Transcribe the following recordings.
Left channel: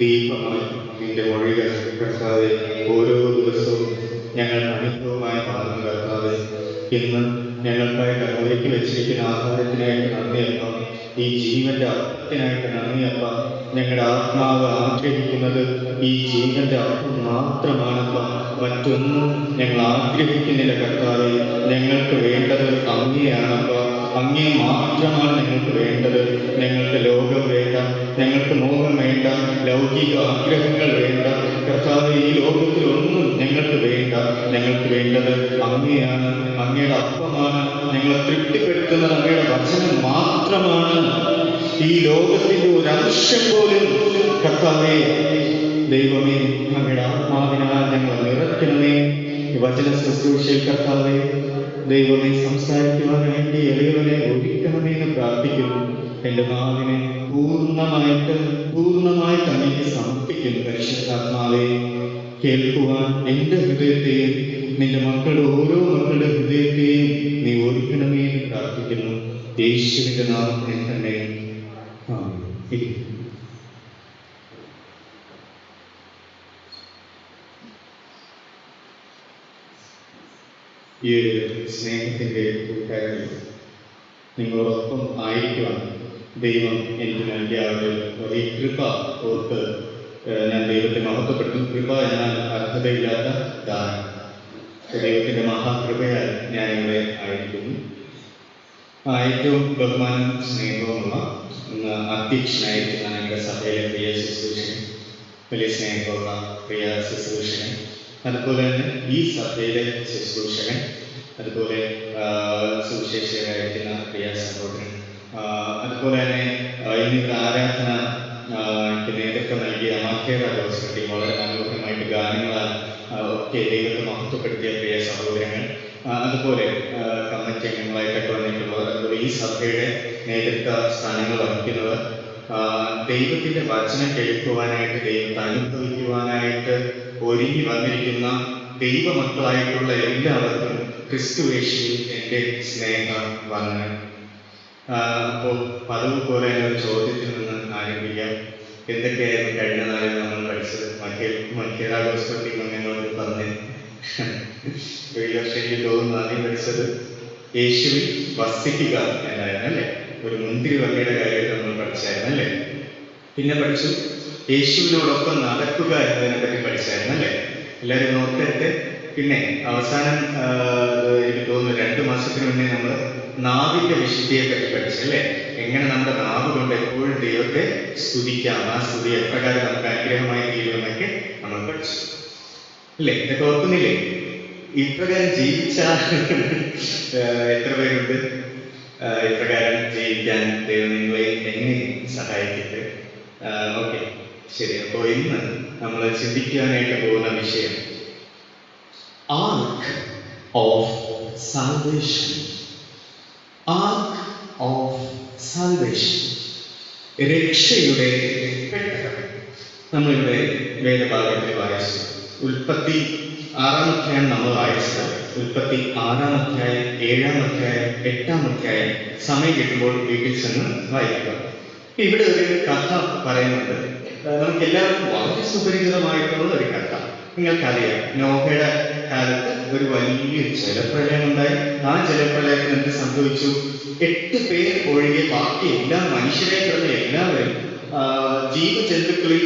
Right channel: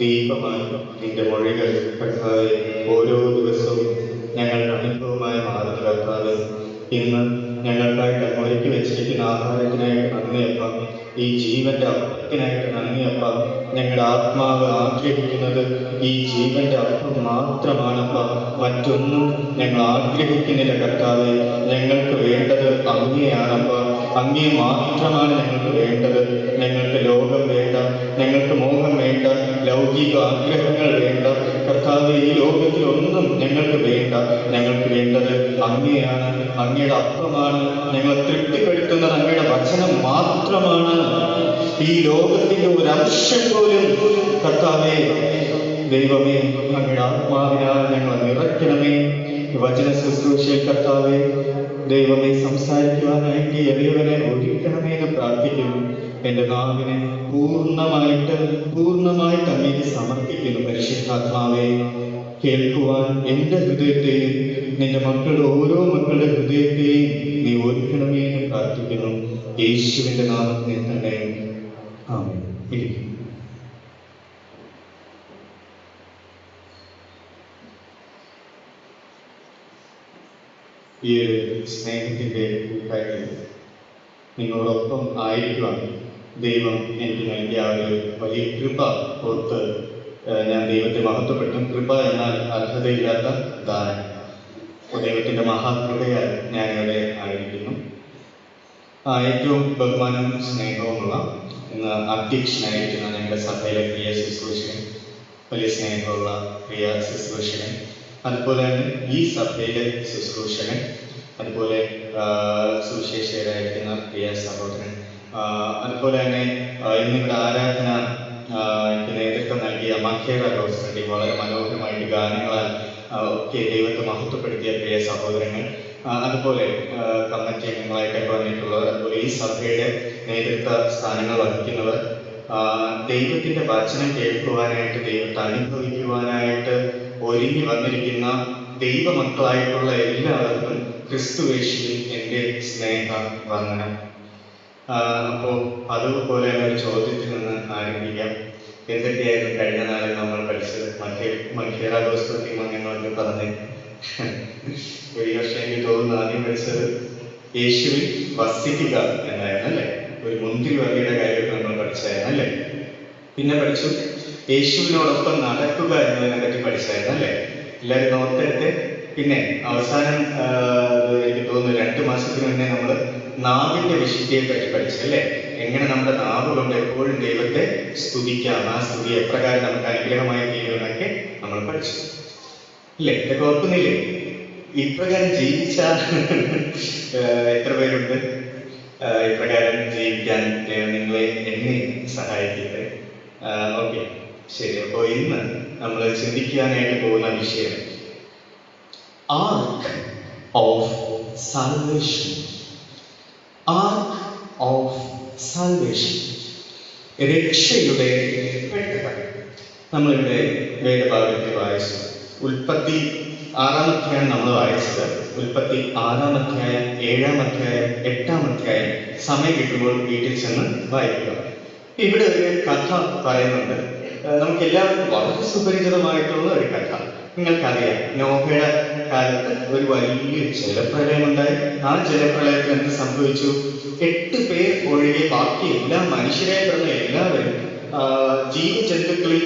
ദീപമായി നിന്റെ മൊഴികൾ കർത്താവെ ഓരോ ദിവസവും ഞങ്ങൾ അനുഭവമായി മാറുന്നു കർത്താവെ. ഇന്ന് ഞങ്ങൾക്കായിട്ട് ഒരുക്കി വെച്ചിരിക്കുന്ന ആഹാരത്തിനായിട്ട് നന്ദിയപ്പ. ഈ ജീവന്റെ അപ്പത്തിനായിട്ട് നന്ദിയപ്പ. ഞങ്ങളുടെ ആത്മാവ് ആഗ്രഹിക്കുന്നത് ഈ ജീവന്റെ അപ്പം മാത്രമാണപ്പ. മറ്റൊന്നും ഞങ്ങൾ ആഗ്രഹിക്കുന്നില്ല കർത്താവെ. ഞങ്ങൾക്ക് വേണ്ടത് അങ്ങയെയാണപ്പ. അങ്ങേ മാത്രമാണ് ഞങ്ങൾക്ക് വേണ്ടത്. ഞങ്ങൾക്ക് ലോകം വേണ്ട, ഞങ്ങൾക്ക് മോഹം വേണ്ട, ലൗകിക ആഗ്രഹങ്ങൾ വേണ്ട കർത്താവെ. ഈ ലോകത്തിലൊന്നും ഞങ്ങൾക്ക് വേണ്ട. ഞങ്ങൾക്ക് വേണ്ടത് അങ്ങയാണ്, അങ്ങയുടെ അപ്പമാണ്. ഞങ്ങളെ തൃപ്തിപ്പെടുത്തുന്നത് അങ്ങയുടെ വചനം മാത്രമാണ്. ഈ ലോകത്തിന്റെ ഒരു അംശം പോലും കർത്താവെ ദൈവമേ അങ്ങയുടെ ആത്മാവിനാൽ ഞങ്ങളെ നിറയ്ക്കണമേ. വചന ശുശ്രൂഷയിൽ കർത്താവെ ദൈവമേ സംസാരിക്കുവാനായിട്ട് എളിയവരെ ഒരുക്കണമേ എന്ന് പ്രാർത്ഥിക്കുന്നു. എൻ്റെ നാവിനെ പൂർണ്ണമായിട്ട് അങ്ങേക്ക് സമർപ്പിക്കുന്നു. പരിശുദ്ധാത്മാവെ കേൾക്കുവാൻ എൻ്റെ ഹൃദയത്തെയും നിന്റെ മക്കളുടെ ഓരോ മക്കളുടെ ഹൃദയത്തെയും നീ ഒരുക്കണമേ എന്ന് പ്രാർത്ഥിക്കുന്നു. യേശുവിൻ്റെ നാമത്തിൽ തന്നെ ആമേൻ. ഈ സ്നേഹത്തിൻ്റെ കൂട്ടായ്മയിൽ നിങ്ങളോടൊപ്പം ആയിരിക്കുവാൻ ദൈവം എനിക്ക് നൽകിയ ഒരു വലിയ കൃപ ഓർത്ത് ഞാൻ ദൈവത്തെ മഹത്വപ്പെട്ടു. കൃപ എന്നാൽ അർഹതയില്ലാത്ത ദാനം. അപ്പോൾ ദൈവത്തിൻ്റെ മഹാകൃപയാൽ ഞാൻ ഇവിടെ ആയിരിക്കുന്നു. ഏറ്റവും ബഹുമാനവും സ്നേഹവുമുള്ള അധ്യക്ഷനായിരിക്കുന്ന ഞങ്ങളുടെ സഭയിലെ പ്രിയ ശുശ്രൂഷകൻ, വലിയ സ്നേഹമുള്ള പ്രിയ ശുശ്രൂഷകൻ, അതുപോലെ തന്നെ ഈ സഭയിലെ ശുശ്രൂഷകൻ, അതുപോലെ സുവിശേഷകരായിരിക്കുന്ന പ്രിയ സഹോദരൻ, അതുപോലെ തന്നെ ഇന്നിവിടെ ആരാധന നേതൃത്വം നൽകിയ മക്കേറ റോസ്റ്റി, വളരെ മനോഹരമായിട്ട് ഗാനങ്ങളാൽ ഒക്കെ ദൈവത്തെ മഹത്വപ്പെടുത്തിയ പ്രിയ സഹോദരങ്ങൾ, അതുപോലെ കമ്മിറ്റി അംഗങ്ങളായിട്ടൊക്കെ വന്നിട്ടുള്ളവർ, അതുപോലെ ഈ സഭയുടെ നേതൃത്വ സ്ഥാനങ്ങൾ വഹിക്കുന്നവർ, ദൈവത്തിൻ്റെ വചനം കേൾക്കുവാനായിട്ട്, ദൈവത്തെ അനുഭവിക്കുവാനായിട്ട് ഒരുങ്ങി വന്നിരിക്കുന്ന ദൈവമക്കളായിട്ടുള്ള എല്ലാവർക്കും ക്രിസ്തുവേശുവിൽ എൻ്റെ സ്നേഹ വന്ദനം. അപ്പോൾ പതിവ് പോലെ ഒരു ചോദ്യത്തിൽ നിന്ന് ആരംഭിക്കാം. എന്തൊക്കെയായിരുന്നു കഴിഞ്ഞ നാളിൽ നമ്മൾ പഠിച്ചത്? മഹിള ഗോസ്പത്തി മംഗങ്ങളോട് പറഞ്ഞ് ഈ വർഷം എനിക്ക് തോന്നുന്നു ആദ്യം പഠിച്ചത് യേശുവിൽ വസിക്കുക എന്നായിരുന്നു അല്ലേ? ഒരു മുന്തിരി വകയുടെ കാര്യമായിട്ട് നമ്മൾ പഠിച്ചായിരുന്നു അല്ലേ? പിന്നെ പഠിച്ചു യേശുവിനോടൊപ്പം നടക്കുക എന്നതിനെ പറ്റി പഠിച്ചായിരുന്നു അല്ലേ? എല്ലാവരും നോട്ടെടുത്ത്. പിന്നെ അവസാനം എനിക്ക് തോന്നുന്നു 2 മാസത്തിന് മുന്നേ നമ്മൾ നാവിന്റെ വിശുദ്ധിയെ പറ്റി പഠിച്ചല്ലേ? എങ്ങനെ നമ്മുടെ നാവ് കൊണ്ട് എപ്പോഴും ദൈവത്തെ സ്തുതിക്കാം, ആ സ്തുതി എപ്രകാരം നമുക്ക് അനുഗ്രഹമായി തീരുമെന്നൊക്കെ നമ്മൾ പഠിച്ചു അല്ലേ? ഇതൊക്കെ ഓർക്കുന്നില്ലേ? ഇപ്രകാരം ജീവിച്ചാൽ എത്ര പേരുണ്ട്? ഇപ്രകാരം ജീവിക്കാൻ ദൈവം നിങ്ങളെ എന്നെ സഹായിക്കട്ടെ. ഓക്കെ, ശരി. അപ്പോൾ ഇന്ന് നമ്മൾ ചിന്തിക്കാനായിട്ട് പോകുന്ന വിഷയം ark of salvation. Ark of salvation, രക്ഷയുടെ പെട്ടകം. നമ്മളിവിടെ വേദഭാഗത്തിൽ വായിച്ചത് ഉൽപ്പത്തി 6-ാം അധ്യായം നമ്മൾ വായിച്ചത് ഉൽപ്പത്തി 6-ാം അധ്യായം, 7-ാം അധ്യായം, 8-ാം അധ്യായം സമയം കിട്ടുമ്പോൾ വീട്ടിൽ ചെന്ന് വായിക്കുക. ഇവിടെ ഒരു കഥ പറയുന്നുണ്ട്. നമുക്ക് എല്ലാവർക്കും വളരെ സുപരിചിതമായിട്ടുള്ള ഒരു കഥ. നിങ്ങൾക്കറിയാം, നോഹയുടെ കാലത്ത് ഒരു വലിയ ജലപ്രളയം ഉണ്ടായി. ആ ജലപ്രളയത്തിൽ എന്ത് സംഭവിച്ചു? 8 പേർ ഒഴികെ ബാക്കി എല്ലാ മനുഷ്യരെ പറഞ്ഞ എല്ലാവരും ജീവജന്തുക്കളിൽ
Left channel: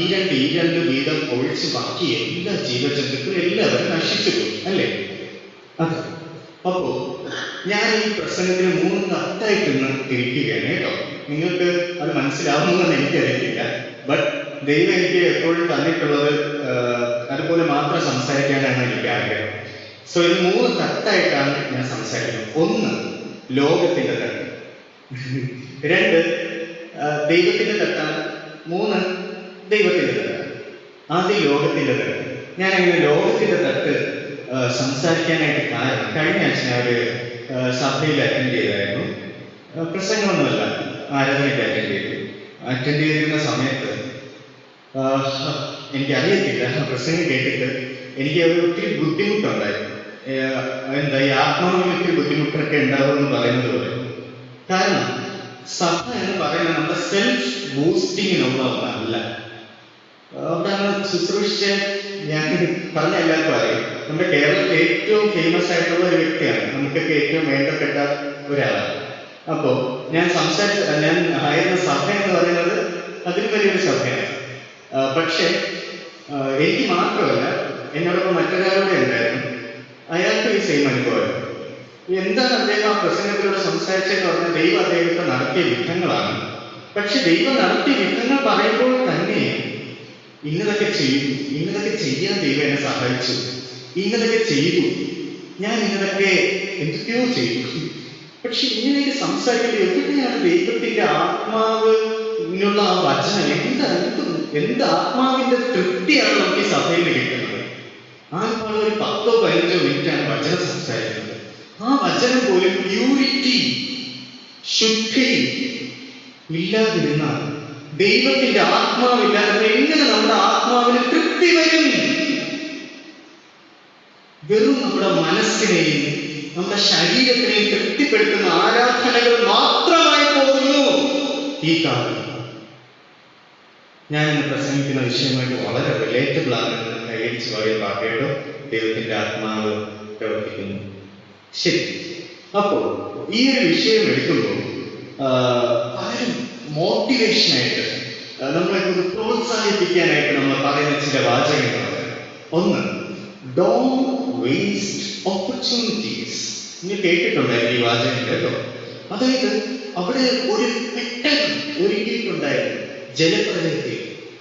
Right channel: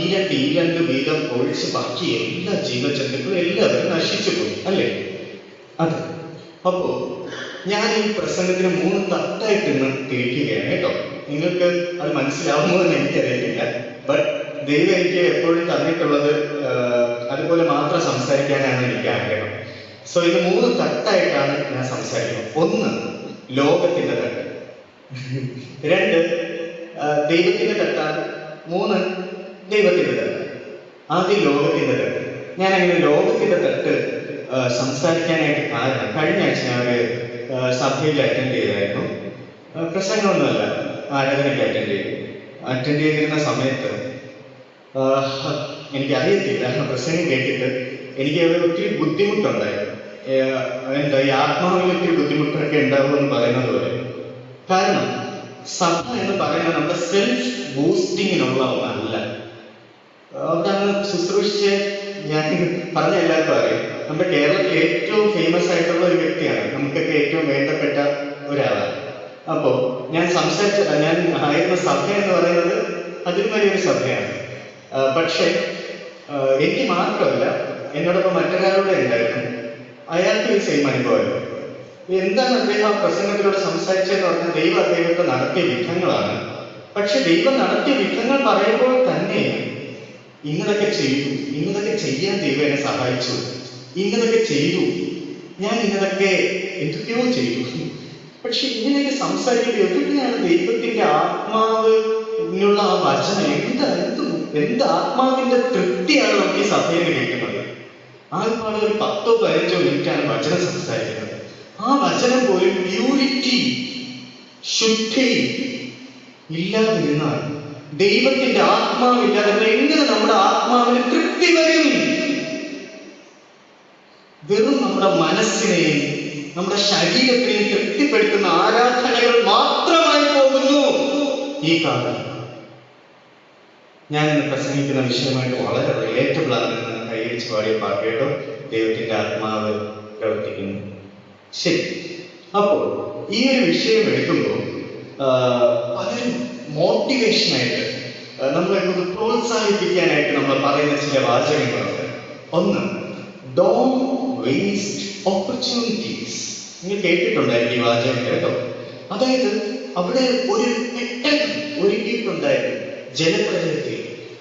ഈരണ്ട് വീതം ഒഴിച്ച് ബാക്കി എല്ലാ ജീവജന്തുക്കളും എല്ലാവരും നശിച്ചു പോയി, അല്ലേ? അതെ. അപ്പോ ഞാൻ ഈ പ്രസംഗത്തിന് 3 തട്ടായിട്ട് ഇന്ന് തിരിക്കുകയാണ് കേട്ടോ. നിങ്ങൾക്ക് അത് മനസ്സിലാവുമോ എന്ന് എനിക്കറിയില്ല. ബട്ട് ദൈവം എനിക്ക് എപ്പോഴും തന്നിട്ടുള്ളത് അതുപോലെ മാത്രം സംസാരിക്കാനാണ് എനിക്ക് ആഗ്രഹം. സോ ഇത് 3 തട്ടായിട്ടാണ് ഞാൻ സംസാരിക്കുന്നത്. 1, ലോകത്തിന്റെ തട്ട്. 2, ദൈവത്തിന്റെ തട്ടാണ്. 3, ദൈവത്തിന്റെ തട്ട്. ആദ്യം ലോകത്തിന്റെ തട്ട്. ഞാൻ അങ്ങനെ ലോകത്തിന്റെ തട്ട് സംസാരിക്കാനായിട്ട് കാരണം, കഴിഞ്ഞ ആഴ്ച ഞാൻ ഒരു സഭയിൽ അറ്റൻഡ് ചെയ്തായിരുന്നു. പ്രസംഗമൊന്നുമല്ല, ആരാധനയ്ക്ക് അറ്റൻഡ് ചെയ്തിരുന്ന സമയത്ത് എനിക്കറിയത്തില്ല, പ്രസംഗം കേട്ടിട്ട് എനിക്ക് ഒത്തിരി ബുദ്ധിമുട്ടുണ്ടായിരുന്നു. എന്താ ഈ ആത്മാവിന് ഒത്തിരി ബുദ്ധിമുട്ടൊക്കെ ഉണ്ടാകുമെന്ന് പറയുന്നത് പോലെ. കാരണം സഭ എന്ന് പറയുന്നത് നമ്മുടെ സെൽഫ് ബൂസ്റ്റിങ്ങിനുള്ള ഒന്നല്ല. കാരണം ശുശ്രൂഷിച്ച് ഞാൻ പറഞ്ഞ എല്ലാവർക്കും അറിയാം, നമ്മുടെ കേരളത്തിൽ ഏറ്റവും ഫേമസ് ആയിട്ടുള്ള ഒരു വ്യക്തിയാണ്, നമുക്കൊക്കെ ഏറ്റവും വേണ്ടപ്പെട്ട ഒരാളാണ്. അപ്പോ ഞാൻ ആയിരുന്ന സഭ എന്ന് പറയുന്നത് അതിന് വലിയൊരു സഭയാണ്. പക്ഷെ എനിക്ക് മാത്രമല്ല, എന്നോടൊപ്പം മറ്റൊരാളുടെ ഉണ്ടായിരുന്നു. അയാൾക്ക് ഈ സെയിം അനുഭവമായിരുന്നു. എന്താണ് അദ്ദേഹം പ്രസംഗത്തിലൂടെ സംസാരിച്ചതെന്ന് പറഞ്ഞാൽ, ദൈവം അദ്ദേഹത്തെ നടത്തിയ വിധങ്ങളാണ്. പക്ഷെ ദൈവം നടത്തിയ വിധങ്ങൾ പറയുമ്പോൾ തന്നെ ഇന്നതൊക്കെ ചെയ്തു, ഇന്നതൊക്കെ ചെയ്യാൻ ദൈവം എന്നെ സഹായിച്ചു, ഇന്നതൊക്കെ ചെയ്തു, ഞാൻ ഇന്നതൊക്കെ എന്തൊക്കെയോ ചെയ്തു. പക്ഷെ ഇങ്ങനെയൊക്കെ സംസാരിക്കുന്നത് എവിടെയാണ് ദൈവത്തിന്റെ ആത്മാവിനുള്ള ആ വചനം? എന്ത് ആത്മാവിന്റെ തൃപ്തിയാണ് നമുക്ക് ഈ സഭയിൽ കിട്ടുന്നത്? ആത്മാവ് ഒരു 10-15 മിനിറ്റാണ് വചനം സംസാരിക്കുന്നത്. ആ വചനം പോലും പ്യൂരിറ്റി, ശുദ്ധി ഇല്ലാതിരുന്നാൽ, ദൈവത്തിന്റെ ആത്മാവില്ലാതെ എങ്ങനെ നമ്മുടെ ആത്മാവിന് തൃപ്തി വരും? വെറും നമ്മുടെ മനസ്സിനെയും നമ്മുടെ ശരീരത്തിനെയും തൃപ്തിപ്പെടുത്തുന്ന ആരാധനകൾ മാത്രമായി പോകുന്നു ഈ കാലം. ഞാൻ ഇന്ന് പ്രസംഗിക്കുന്ന വിഷയമായിട്ട് വളരെ റിലേറ്റബിൾ ആണെന്ന് കൈയടിച്ച് പാടിയ പാട്ട് കേട്ടോ. ദൈവത്തിന്റെ ആത്മാവ് പ്രവർത്തിക്കുന്നു. ശരി. അപ്പോ ഈ ഒരു വിഷയം എടുക്കുമ്പോൾ പലരും മോട്ടിവേഷനായിട്ട്, നമ്മളെ കൊണ്ട് പ്രോത്സാഹിപ്പിക്കാനായിട്ട് നമ്മൾ പറയുന്ന ചില വാചകങ്ങളുണ്ട്. 1, ഡോണ്ട് വേസ്റ്റ് ഓപ്പർച്യൂണിറ്റീസ്. നിങ്ങൾ കേട്ടിട്ടുണ്ടായിരുന്നു ഈ വാചകം കേട്ടോ. അതായത് അവിടെ ഒരു പെട്ടകം ഒരുക്കിയിട്ടുണ്ടായിരുന്നു ജലപ്രളയത്തിൽ.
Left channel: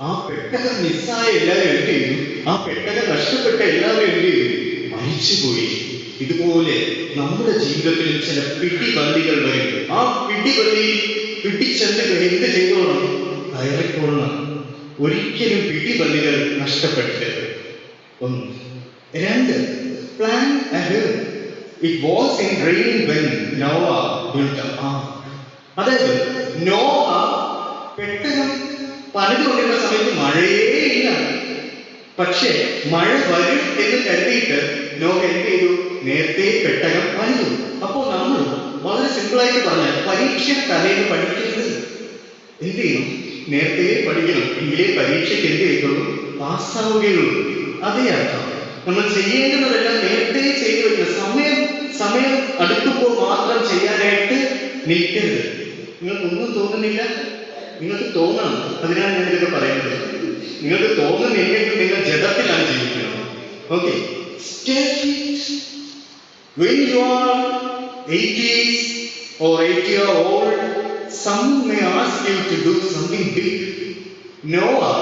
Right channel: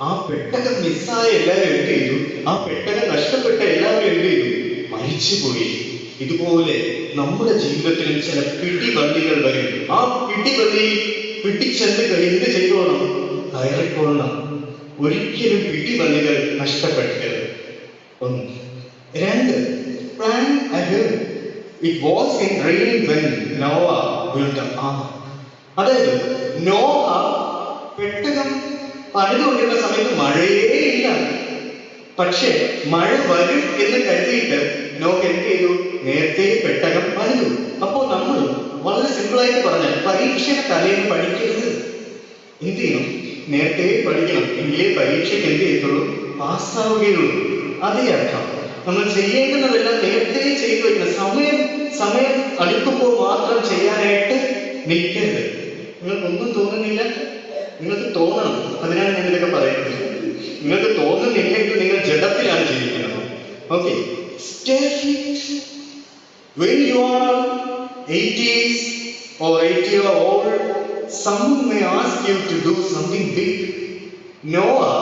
ആ പെട്ടകം മിസ്സായ എല്ലാവരും എന്ത് ചെയ്തു? ആ പെട്ടകം നഷ്ടപ്പെട്ട എല്ലാവരും എന്ത് ചെയ്തു? മരിച്ചുപോയി. ഇതുപോലെ നമ്മുടെ ജീവിതത്തിൽ ചില പിടിബന്ധികൾ വരും. ആ പിടിബന്ധിയിൽ പിടിച്ചെന്ന് എന്ത് ചെയ്തോണം? കയറിക്കൊള്ളണം. ഒരിക്കലും പിടിബന്ധികൾ നഷ്ടപ്പെട്ടത്. 1. 2, plan ahead. It was in rain when Noah built the ark. അതായത് നോഹ പെട്ടകം പണിതുകൊണ്ടിരുന്ന സമയത്ത് മഴയേ ഇല്ല. പക്ഷെ മഴ വരും എന്ന് കരുതിയിട്ട് നോഹ എന്ത് ചെയ്തു? നേരത്തെ പെട്ടകം പണിതു. അപ്പോൾ നമ്മൾ വളരെ സിമ്പിളായിട്ട് പറഞ്ഞാൽ, പരീക്ഷ തലേന്ന് പഠിക്കരുത്. എന്ത് ചെയ്യണം? നേരത്തെ പഠിക്കണം. എങ്കിലേ പരീക്ഷയ്ക്ക് എന്ത് ചെയ്യത്തുള്ളൂ? പാസ്സാവുകയുള്ളൂ. അതേ അർത്ഥം. നമ്മൾ ചെയ്യേണ്ടതെല്ലാം നേരത്തെ ചെയ്തു വെക്കണം. സമയം അടുക്കുമ്പോൾ മാത്രം ചെയ്യാനായിട്ട് നിൽക്കരുത്. നിങ്ങൾക്കൊന്നും തോന്നുന്നില്ല? നിങ്ങൾക്ക് തോന്നണം. അതിനാണ് ഞാനിതൊക്കെ പറയുന്നത്. നിങ്ങൾക്ക് തോന്നുന്നില്ലെങ്കിൽ നിങ്ങൾ ജഡത്തിലാണ് ജീവിക്കുന്നത്. Okay. When you are 80s or 80 year old, some may ask you to do something big. Noah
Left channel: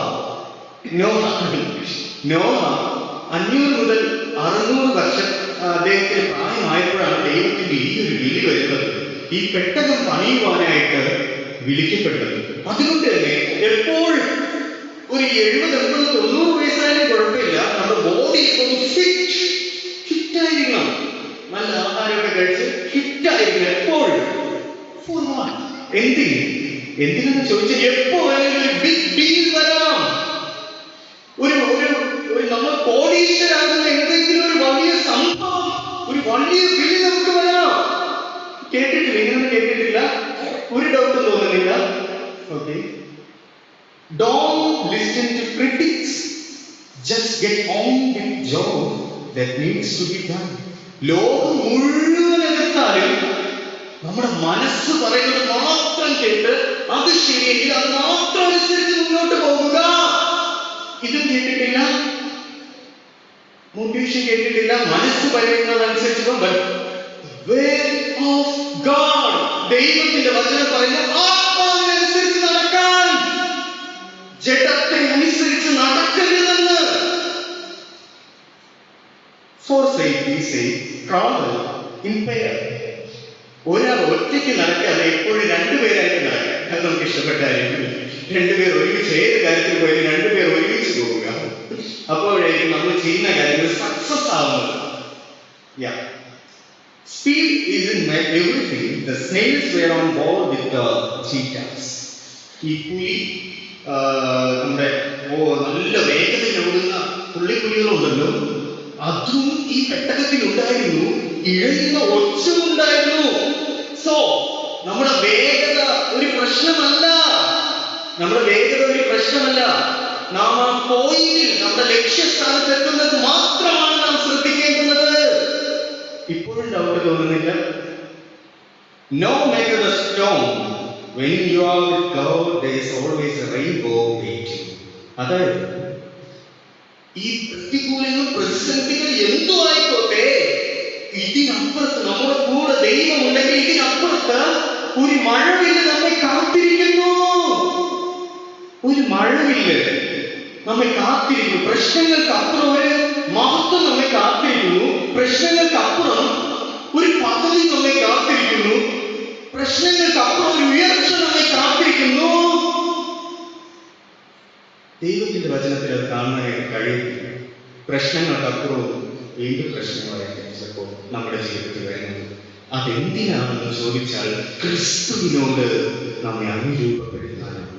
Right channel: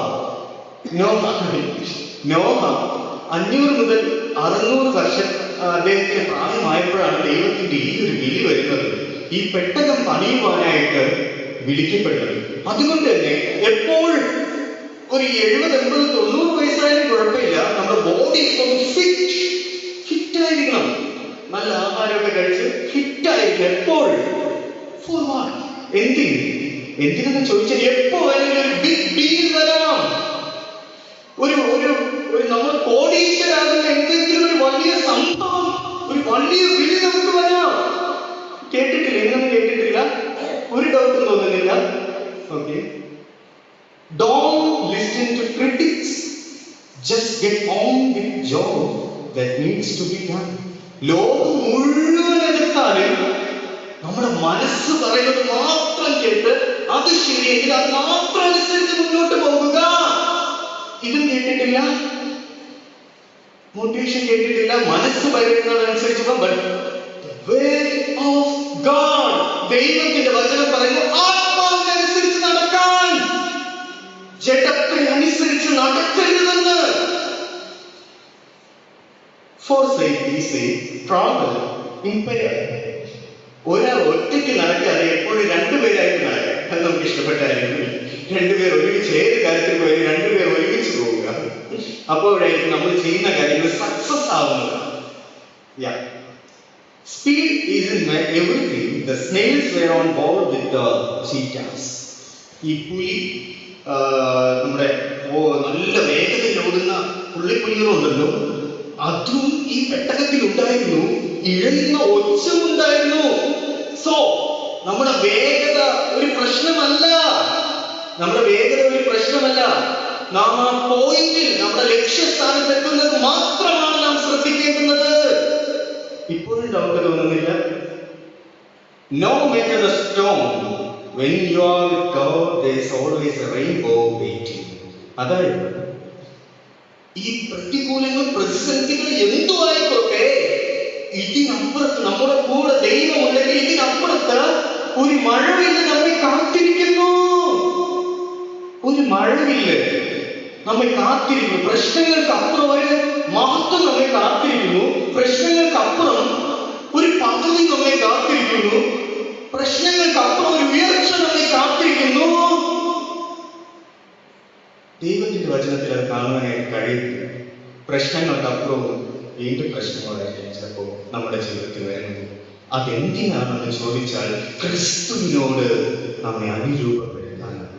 500 മുതൽ 600 വർഷം അദ്ദേഹത്തിന് പ്രായമായപ്പോഴാണ് ദൈവത്തിന്റെ ഈ ഒരു വിളി വരുന്നത്. ഈ പെട്ടകം പണിയുവാനായിട്ട് വിളിക്കപ്പെട്ടത്. അതുകൊണ്ട് തന്നെ എപ്പോഴും ഒരു 70-80-90 വയസ്സായാലും കുഴപ്പമില്ല, നമ്മുടെ ബോഡി ഫിറ്റായിരിക്കണം. നല്ല ആഹാരമൊക്കെ കഴിച്ച് ഫിറ്റായിരിക്കണം എപ്പോഴും. എന്തിനെന്ന് ചോദിച്ചാൽ, എപ്പോ വേണമെങ്കിലും ഒരു ബിഗ് ഡീൽ വരാം. ഒരു നമ്മൾ കോടീശ്വരാകുന്ന എന്തെങ്കിലും ഒരു വലിയ സംഭവം പുതിയ വിളി നമുക്ക് വരാം. കേട്ടിട്ടില്ല, ഇങ്ങനെ കേട്ടിട്ടില്ല, ഒരു ഡൗട്ടും തോന്നുന്നില്ല. Okay, don't listen to critics, just get on with job that needs to be done. ലോകം മുഴുവൻ എതിർത്താലും നമ്മുടെ മനസ്സ് പറയുന്നത് മാത്രം കേട്ട് അത് ശരിയെങ്കിൽ അത് മാത്രം അനുസരിച്ച് മുന്നോട്ട് പോകുക. ഇത് കേട്ടിട്ടില്ല, മോട്ടിവേഷൻ കേട്ടിട്ടില്ല, മനസ്സ് പറയുന്നതനുസരിച്ച് ദൈവത്തിന്റെ വചനം പറയുന്നത് ആത്മാവിനനുസരിച്ച് നടക്കാൻ, ജഡത്തിനനുസരിച്ച് നടക്കരുതെന്ന്. For safety sake, travel in pair. ഒരാൾ ഒറ്റയ്ക്ക് നടക്കാതെ എപ്പോഴും രണ്ടുപേരായിട്ട് നടക്കുക. അത് നമുക്ക് ഇഷ്ടപ്പെട്ടായിരിക്കും. രണ്ടുപേർ ഒരുമിച്ച് ഏത് കാര്യത്തിൽ പോയാലും രണ്ടുപേർ ഒരുമിച്ച് പോവുക. അപ്പോഴായിരിക്കും നമ്മൾ ചെയ്യുന്ന കാര്യങ്ങൾ സക്സസ് ആവുന്നത്. Speed isn't everything. The snails were on board with the cheetahs. ഈ പുലി നമ്മുടെ നല്ല വേഗതയിൽ ഓടുന്ന പുള്ളിപ്പുലികളുണ്ടല്ലോ, അതും ഈ പെട്ടകത്തിൽ ഉണ്ടായിരുന്നു. ഇഴയുന്ന ഒച്ച ഉണ്ടായിരുന്നു. സോ നമ്മുടെ വേഗത ഒരു പ്രശ്നമല്ല, നമ്മുടെ വേഗത ഒരു പ്രശ്നമല്ല. നാം ആ പോയിന്റിൽ, നമ്മുടെ ലക്ഷ്യസ്ഥാനത്ത് എത്തുന്നത് മാത്രമാണ് നാം ശ്രദ്ധിക്കേണ്ടത്. ഇപ്പോഴും ഡൗട്ട് തോന്നുന്നില്ല? No matter the storm, when you are with God, there is always a rainbow waiting. അതായത് ഈ പ്രതികൂലങ്ങൾ, പ്രതിസന്ധികൾ എന്തോ ആയിക്കോട്ടെ, ഇതിനപ്പുറത്ത് നമ്മുടെ കൂടെ ദൈവമുണ്ടെങ്കിൽ ഇതിനപ്പുറത്ത് ഒരു മഴവില്ല് നമ്മെ കാത്തിരിക്കുന്നു. ഒരു മഴവില്ല് നമ്മെ കാത്തിരിക്കുന്നു. പ്രശ്നങ്ങൾക്ക് അപ്പുറം ഒരു മഹത്വം നമ്മെ കാത്തിരിക്കുന്നു. പ്രശ്നങ്ങൾക്ക് അപ്പുറം ഒരു പദവി നമ്മെ കാത്തിരിക്കുന്നു. പ്രശ്നങ്ങൾക്ക് അപ്പുറം ഒരു ഉയർച്ച നമ്മെ കാത്തിരിക്കുന്നു. ദൈവത്തിന്റെ വചനത്തിൽ അത് കാണാനായിട്ട് കഴിയുന്നില്ല. പ്രശ്നങ്ങൾക്കപ്പുറവും വീണ്ടും പ്രശ്നങ്ങളായിരിക്കും ചിലപ്പോൾ നമ്മുടെ ജീവിതത്തിൽ വരുന്നത്. അതെന്തിനാണെന്ന് ചോദിച്ചാൽ ക്രിസ്തുവിനോട് നമ്മെ അനുരൂപപ്പെടുത്താനാണ്.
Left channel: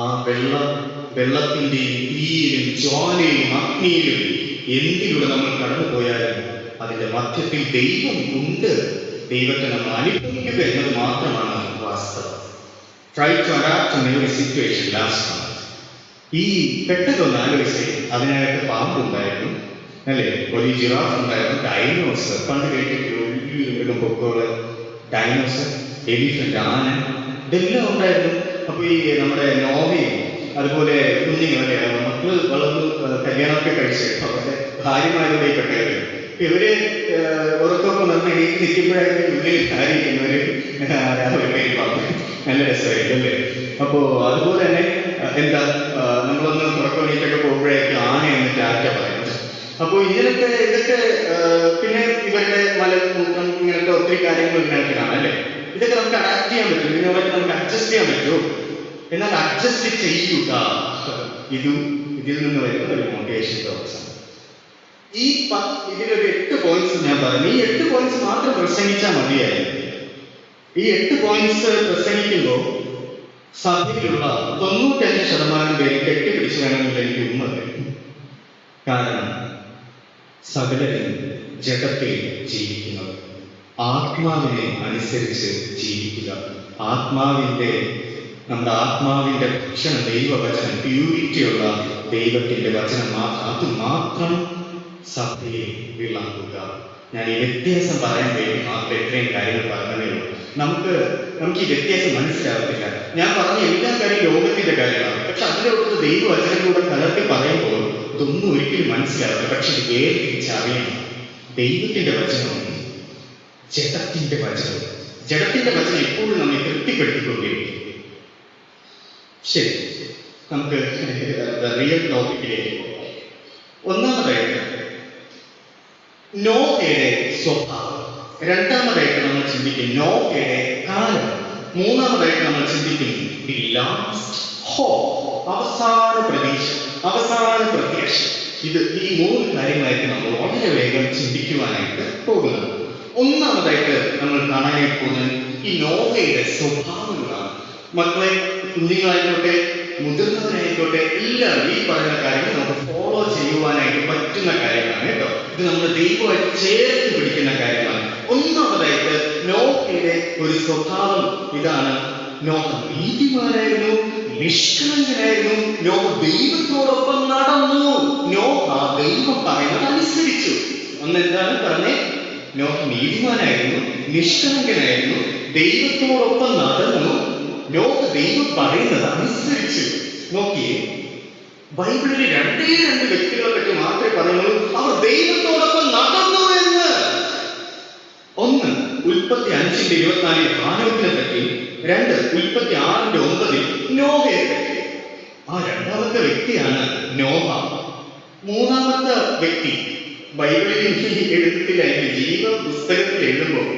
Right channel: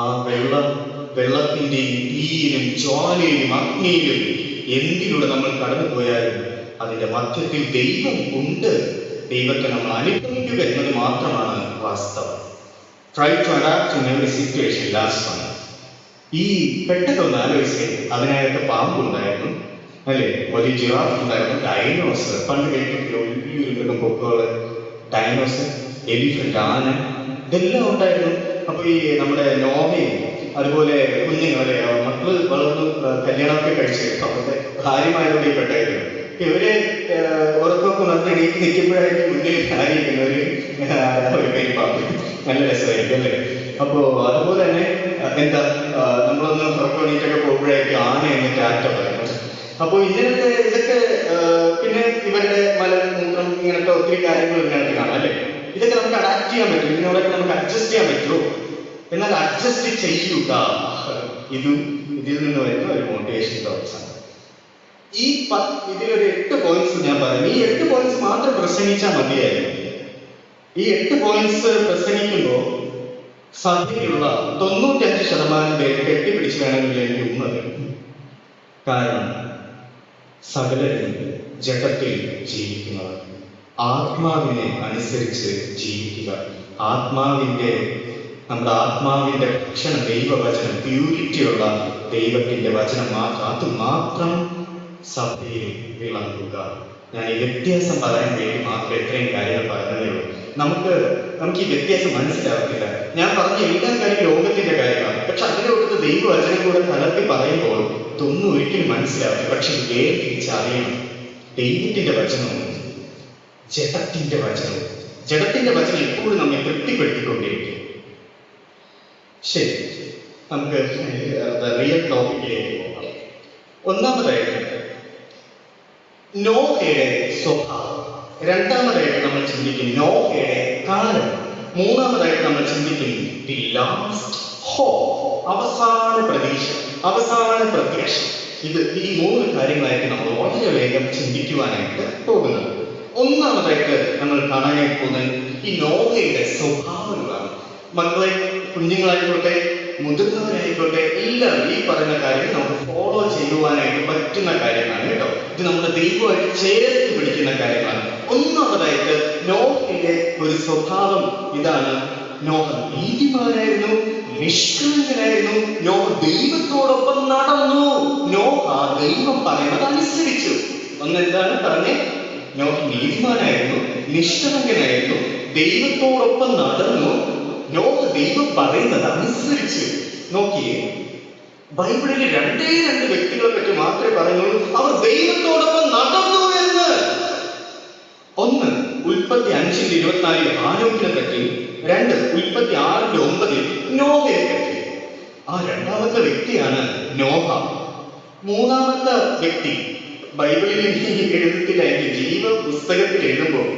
ആ വെള്ളത്തിന്റെയും തീയിലും ജ്വാലയിലും അഗ്നിയിലും എന്തിലൂടെ നമ്മൾ കടന്നുപോയാലും അതിന്റെ മധ്യത്തിൽ ദൈവം ഉണ്ട്. ദൈവത്തെ നമ്മൾ അനുഭവിക്കുക എന്നത് മാത്രമാണ് വാസ്തവം. Try to adapt to every situation. Last one. ഈ പെട്ടെന്ന് ആലോചിച്ച് അതിനകത്ത് പാമ്പുണ്ടായിരുന്നു, അല്ലേ? വലിയ ജിറാഫ് ഉണ്ടായിരുന്നു, ഡൈനോസർ, പണ്ട് കേട്ടിട്ട് വലിയ പൊക്കമുള്ള ഡൈനോസർ, എലിഫന്റ്, ആന, ഇതെല്ലാം ഉണ്ടായിരുന്നു. അപ്പൊ ഈ നമ്മുടെ നോവയും അതുപോലെ കുഞ്ഞിനെ അല്ലെ മക്കള് വളർന്നു കല്യാണമൊക്കെ കഴിച്ച് അവരുടെ ഭാര്യമാരുടെ പെട്ടവര് ഇവര് ഉറക്കൊക്കെ നിർത്തി എണീറ്റ് നിൽക്കുമ്പോഴായിരിക്കും ഉള്ളിൽ ആയിരിക്കുന്നവര് ഒരു പെരുമാറും. നല്ല രസമായിരിക്കും അല്ലേ? അപ്പോ അതുപോലെ തന്നെ എന്താ നമ്മളൊന്ന് ഉറക്കമണിക്കൊക്കെ പോകുമ്പോഴേക്കും ആന എന്ന് ടാറ്റ പറയുന്നത്. അപ്പൊ ഇതൊക്കെ പിന്നെ ഇവരുടെ മലമൂത്രം ഇങ്ങനത്തെ ഒത്തിരി കാര്യങ്ങൾ ഇതിനകത്ത് കാണാം അല്ലേ? ഇതൊക്കെ നമുക്ക് അഡാപ്റ്റ് ചെയ്യാൻ പറ്റും, ഇതിനോടൊക്കെ നമുക്ക് അഡ്ജസ്റ്റ് ചെയ്യാൻ പറ്റുമോ? എന്നാൽ അഡ്ജസ്റ്റ് ചെയ്യുക, ഇതിൽ നിന്ന് വരുന്ന ഒരു മോട്ടിവേഷൻ തോട്ട്സ് ആണ്. ഇതിലൊരു 8 പോയിന്റ്സ് ഞാൻ പറഞ്ഞു. ഈ 8 പോയിന്റ്സ് മാത്രം പ്രസംഗിച്ചാൽ മതിയായിരുന്നു. ഈ 8 പോയിന്റ്സ് പ്രസംഗിക്കുമ്പോൾ സഭയിലുള്ള 95% പേര് കെട്ടിപ്പിടിച്ച് വേണമെങ്കിൽ എനിക്ക് ഉമ്മ തരും. കാരണം സകലരും ജഡത്തിൽ ജീവിക്കുന്നത്, ആത്മാവിനെ അനുസരിച്ച് ജീവിക്കുക. നമ്മുടെ ആത്മാവിന്റെ ഭക്ഷണം ദൈവവചനം, പ്യൂരിറ്റിയുള്ള ദൈവത്തിന്റെ വചനം അത് മാത്രം സഭയിൽ വിളങ്ങുക. ഞാൻ ഈ വ്യത്യാസം പറയാൻ വേണ്ടി മാത്രം എത്രയും കാര്യങ്ങൾ പറഞ്ഞതേ ഉള്ളൂ. നമുക്ക് ഈ വ്യത്യാസം മനസ്സിലാകത്തില്ല. ഞാൻ പറഞ്ഞ എല്ലാ കാര്യം ലോകത്തിന്റെ കാര്യങ്ങളാണ്, പക്ഷെ അതിനോട് ദൈവവചനം കൂടെ കലർത്തി പറയുമ്പോൾ ഇതൊന്നും ഒരിക്കലും മനസ്സിലാവില്ല. പക്ഷെ ഇത് വേർതിരിച്ചറിയണം. ദൈവത്തിന്റെ വചനമുണ്ട്, ജഡത്തിന്റെ വചനം എപ്പോഴും നമ്മെ തൃപ്തിപ്പെടുത്തിക്കൊണ്ടിരിക്കും. ശരി, നമുക്ക് റിയൽ ടോപ്പിക്കിലേക്ക് പോകാം. ഒന്നാമതായിട്ട് നോഹയുടെ സ്വഭാവം, രണ്ടാമതായിട്ട് നമ്മൾ ചിന്തിക്കും നോഹയുടെ കാലം, മൂന്നാമതായിട്ട് നമ്മൾ ചിന്തിക്കും ദി ലാസ്റ്റ് ഹോപ്പ്, അവസാന പ്രതീക്ഷ, അവസാന പ്രത്യാശ. ഈ 3 കാര്യങ്ങളായിട്ട് നമ്മൾ വളരെ വേഗം ചിന്തിക്കുവാനായിട്ട് പോകുന്നത്. ഒന്നാമതായിട്ട് നമ്മൾ കാണാനായിട്ട് പോകുന്നത് ഈ നോഹയുടെ സ്വഭാവങ്ങളാണ്. മക്കളെ, കുഞ്ഞുങ്ങളായിട്ടൊക്കെ മുതിർന്നവരായിക്കോട്ടെ, എല്ലാവരും ഈ പറയുന്ന കാര്യങ്ങൾ നമുക്ക് ഫോളോ ചെയ്യുവാനായിട്ട് പറ്റുന്ന കാര്യങ്ങളാണ് കേട്ടോ. ഇത് നമ്മുടെ ദൈവമായിട്ട് ചേർത്ത് പിടിക്കുന്ന കാര്യങ്ങളാണ്. ഒന്നാമതായിട്ട് നോഹയുടെ ഒരു സ്വഭാവം ഇതാണ്. നോഹ നീതിമാനായിരുന്നു, നിഷ്കളങ്കനായിരുന്നു. നോഹ ദൈവത്തോടൊപ്പം നടന്നു. നോഹ ദൈവം പറയുന്നത് അനുസരിച്ചു. ഒന്നെന്താണ് പറഞ്ഞേ? നോഹ നീതിമാനായിരുന്നു, നിഷ്കളങ്കനായിരുന്നു, ദൈവത്തോടൊപ്പം നടന്നു. നോഹ ദൈവം പറയുന്നത് അനുസരിച്ചു. നോക്കിയേ, ബൈബിളിൽ രണ്ടേ രണ്ട് വ്യക്തികളെ പറ്റി മാത്രമേ പറയുന്നുള്ളൂ അവർ ദൈവത്തോടൊപ്പം നടന്നു എന്ന്. ഒന്ന് ഉൽപ്പത്തി 5:24 ആരോഗ്യത്തെ പറ്റി, രണ്ട് ഉൽപ്പത്തി 6:9 നോഹയെ പറ്റി. ആ രണ്ടാമത്തെ വ്യക്തിയാണ് നോഹ. മൂന്നാമത്തെ വ്യക്തി ബൈബിളിൽ എഴുത്തില്ല, ജീവ പുസ്തകത്തിൽ എഴുതുമ്പോൾ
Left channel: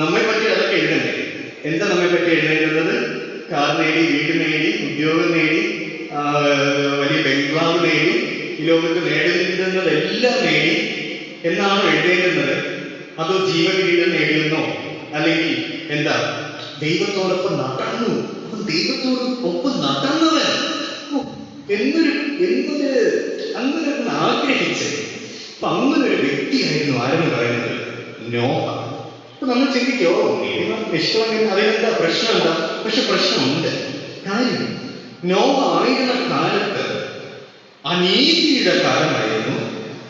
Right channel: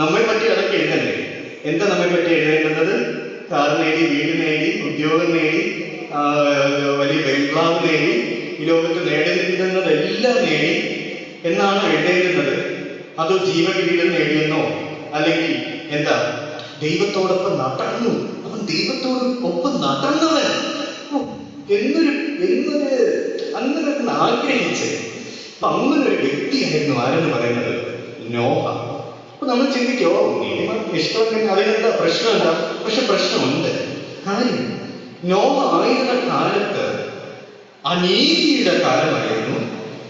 നമ്മെ പറ്റി അതൊക്കെ എഴുതണ്ടേ? എന്താ നമ്മെ പറ്റി എഴുതേണ്ടത്? കാർ നേടി, വീട് നേടി, ഉദ്യോഗം നേടി, വലിയ ബംഗ്ലാവ് നേടി, ഈ ലോകത്ത് നേടുന്നതെല്ലാം നേടി എന്നാണോ എഴുതേണ്ടുന്നത്? അതോ ജീവകിരീടം നേടിയെന്നോ? അല്ലെങ്കിൽ എന്താ ദൈവത്തോടൊപ്പം നടന്നു, അവൻ ദൈവത്തോടൊപ്പം നടന്നവൻ അങ്ങനെ ആഗ്രഹിച്ച് അങ്ങനെ ഒരു വ്യക്തിയായിരുന്നു ആരെന്ന് പറയുന്നത് നോഹ. അപ്പൊ നമ്മൾ ചിന്തിക്കോ, നീതിമാൻ ഇഷ്ടമെങ്കിൽ അറിയുന്ന പ്രശ്നം എന്താ? പക്ഷെ പ്രശ്നമുണ്ട്. കാര്യം നോഹ ആയിരുന്ന കാലത്ത് അനീതിയുടെ കാലമായിരുന്നു,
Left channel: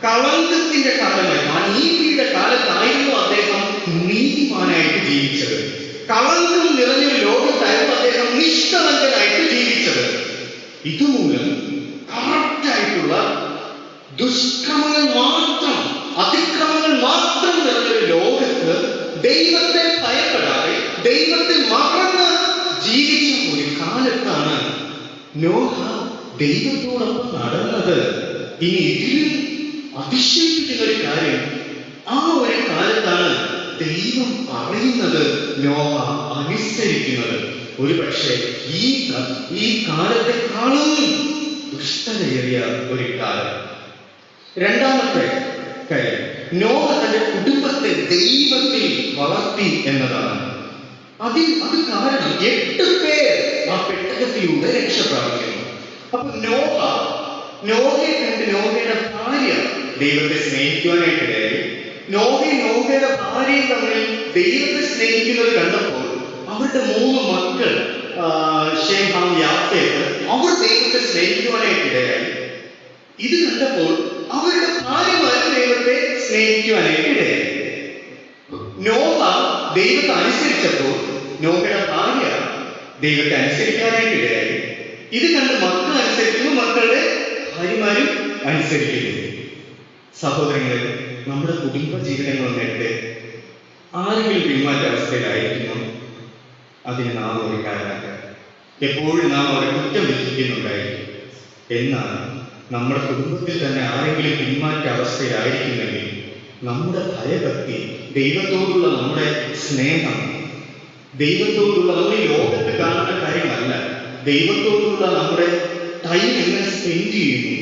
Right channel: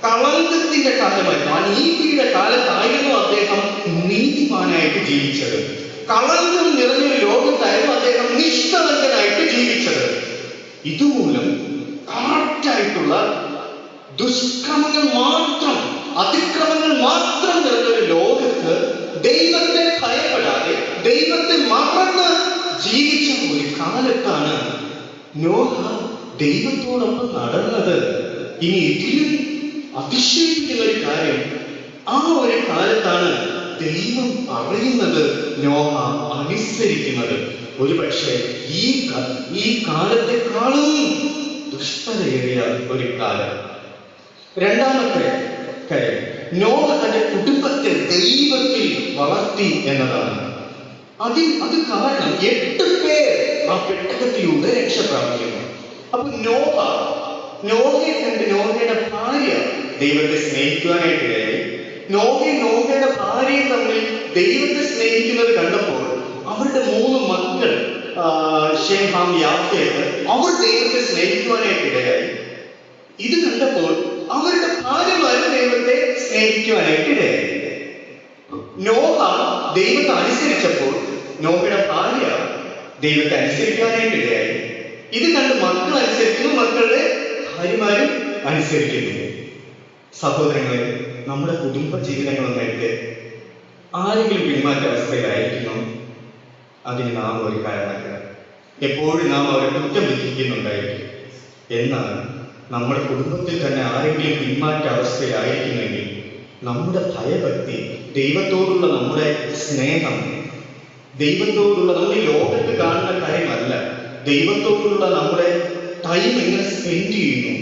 കളങ്കത്തിന്റെ കാലമായിരുന്നു. അനീതിയുടെ കാലത്തായിരുന്നു അദ്ദേഹം നീതിമാനായിട്ട് ജീവിച്ചത്. കളങ്കം നിറഞ്ഞൊരു ലോകത്തായിരുന്നു അദ്ദേഹം നിഷ്കളങ്കനായിട്ട് ജീവിച്ചത്. ഇതുമൂലം കറക്റ്റായിട്ടുള്ള ദുഷ്കർമ്മങ്ങൾ മാത്രം, അതിക്രമങ്ങൾ മാത്രം നിറഞ്ഞൊരു ലോകത്ത് ദൈവത്തെ ഭയപ്പെടാതെ ദൈവത്തെ മറന്ന് ജീവിച്ച ഒരു കാലത്താണ് നോഹ ദൈവത്തോടൊപ്പം നടന്നത്. ഇനി ഇതിലും അതിശയിക്കുന്ന ഒരു കാര്യം, ആ ഒരു കാലത്താണ് ദൈവം പറയുന്നത് നോഹ അനുസരിക്കുന്നത്. ഒരു പക്ഷേ ഈ കാലത്തെക്കാളും ദുഷ്ടതയേറിയ ഒരു കാലം. രണ്ടാമത്തെ കാര്യം, നോഹ തന്റെ കുടുംബത്തെ ദൈവത്തിൽ വളർത്തി എന്നതാണ്. അത് കാരണം 8 പേർ ആ പെട്ടകത്തിലൂടെ രക്ഷപ്രാപിക്കുന്നു. അപ്പൊ നോഹയെ കണ്ട് നോഹയുടെ ഭാര്യ ദൈവത്തെ സ്നേഹിക്കുവാനായിട്ടിടയായി. നോഹയുടെ ഭാര്യയും തമ്മിൽ ദൈവത്തെ സ്നേഹിക്കുന്നത് കണ്ടപ്പോൾ അവരുടെ 3 മക്കൾ ഷേം, ഹാം, യാഫേത്ത്, അവർ ദൈവത്തെ സ്നേഹിക്കുവാനായിട്ടിടയായി. ഇത് കണ്ടപ്പോൾ അവരുടെ ഭാര്യമാരും ദൈവത്തെ സ്നേഹിക്കുവാനായിട്ടിടയായി. നോഹ ദൈവത്തെ അനുസരിച്ചപ്പോൾ നോഹയുടെ ഭാര്യ ദൈവത്തെ അനുസരിക്കാനായിട്ടിടയായി. ഇത് കണ്ട് മക്കൾ അനുസരിക്കുന്നു, മക്കളുടെ ഭാര്യമാരും അനുസരിക്കുന്നു. സഹോദരങ്ങളെ, നമ്മുടെ കുടുംബ ജീവിതങ്ങളുമായിട്ട് ആരെങ്കിലും പിന്മാറ്റ അവസ്ഥയിലായിരിക്കുന്നു, അതിന് നാം ഒരു കാരണമല്ല. എപ്പോഴും നാം അവരെ കുറ്റം വിധിക്കുന്നുണ്ടായിരിക്കും. എന്നാൽ നമ്മുടെ കുടുംബത്തിൽ തന്നെ ആരെങ്കിലും പിന്മാറ്റ അവസ്ഥയിലായിരിക്കുന്നെങ്കിൽ നമ്മുടെ ഭയഭക്തി, ദൈവത്തോടുള്ള നമ്മുടെ സ്നേഹം, ദൈവത്തോടുള്ള നമ്മൾ ഈ ലോകത്ത് കാണുന്ന കാര്യമല്ല, ദൈവത്തോടുള്ള നമ്മുടെ ടൈം എങ്ങനെ സ്പെൻഡ് ചെയ്യുന്നു,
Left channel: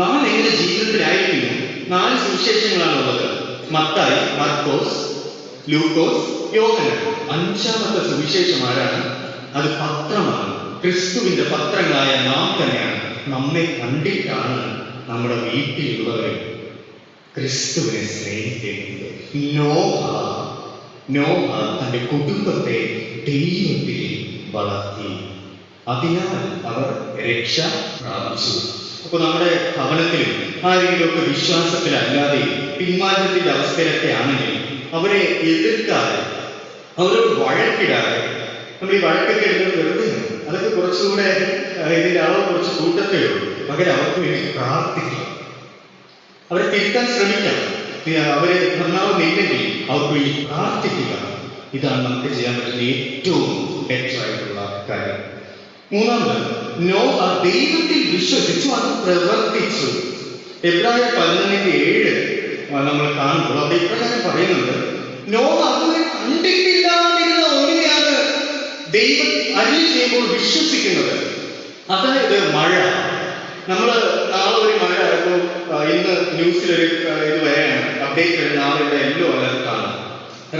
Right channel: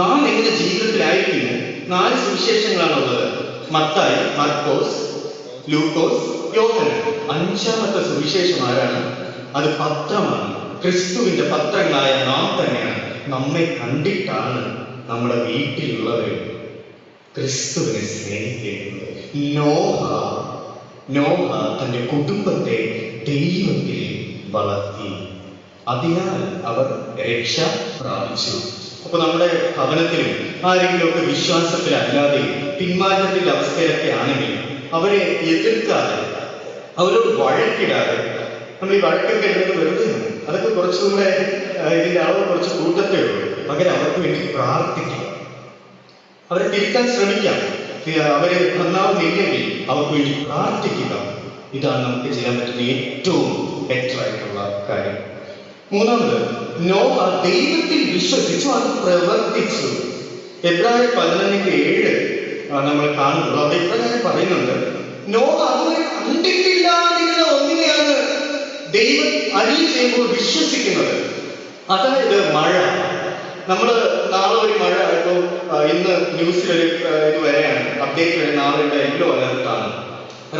നാം എങ്ങനെ ജീവിതത്തിലായിരിക്കുന്നു. 4 സുവിശേഷങ്ങളാണുള്ളത്: മത്തായി, മർക്കോസ്, ലൂക്കോസ്, യോഹന്നാൻ. 5ാമത്തെ സുവിശേഷം ആരാണ്? അത് പത്രമാണ്. ക്രിസ്തുവിന്റെ പത്രങ്ങളായ നാം തന്നെയാണ്. നമ്മെ കണ്ടിട്ടാണ് നമ്മുടെ വീട്ടിലുള്ളവർ ക്രിസ്തുവിനെ സ്നേഹിക്കുന്നത്. നോഹ തന്റെ കുടുംബത്തെ ദൈവത്തിൽ വളർത്തി. അതിനാൽ അവർ രക്ഷ പ്രാപിച്ചു. അപ്പൊ നമ്മുടെ ഭവനത്തിലും ആരെങ്കിലും ഒക്കെ വിശ്വാസത്തിലല്ലാതെ പിന്മാറ്റത്തിന്റെ അവസ്ഥയിലൊക്കെ ആണെങ്കിൽ അവരെ എതിർക്കാതെ, അവരോട് വഴക്കിടാതെ, നമ്മൾ ഈ വഴക്കൊക്കെ എഴുതുന്നത് വെറുതെ അതൊക്കെ കുറച്ചുകൂടെ ഇതിന്റെ അളവ് കുറച്ച് കൂട്ടത്തേ ഉള്ളൂ. പകരം അവർക്ക് വേണ്ടി പ്രാർത്ഥിക്കുക, അവരെ തിരുത്താൻ ശ്രമിക്കാം. അവരെ നന്നാവുന്നില്ലെങ്കിൽ അവർക്ക് വേണ്ടി പ്രാർത്ഥിക്കുക. ഇതാണ് നമുക്ക് ചെയ്യാൻ പറ്റുന്ന ഏറ്റവും ബെറ്റർ ആയിട്ടുള്ള കാര്യം. മൂന്നാമത്, നോഹ ദൈവത്തിൽ വിശ്വസിച്ചു, അത് പ്രവർത്തിച്ചു. എബ്രായർ 11:7 നമ്മൾ കാണുമ്പോൾ അത് എപ്രകാരം പറയുന്നത്? നോഹ അതുവരെ കണ്ടിട്ടില്ലാതിരുന്ന ഒന്നിനെയാണ് ദൈവം അരുളി ചെയ്യുമ്പോൾ വിശ്വസിക്കുന്നത്. അതായത് മഴ. നമ്മൾ നാളെ ഒരു മഴ ആയിരുന്നു. ഇന്ന് ന്യൂസിലൊരു ഇത് വരെയാണ്, അപ്ഡേറ്റ് വരെ നാളെ യെല്ലോ അലർട്ടാണ്,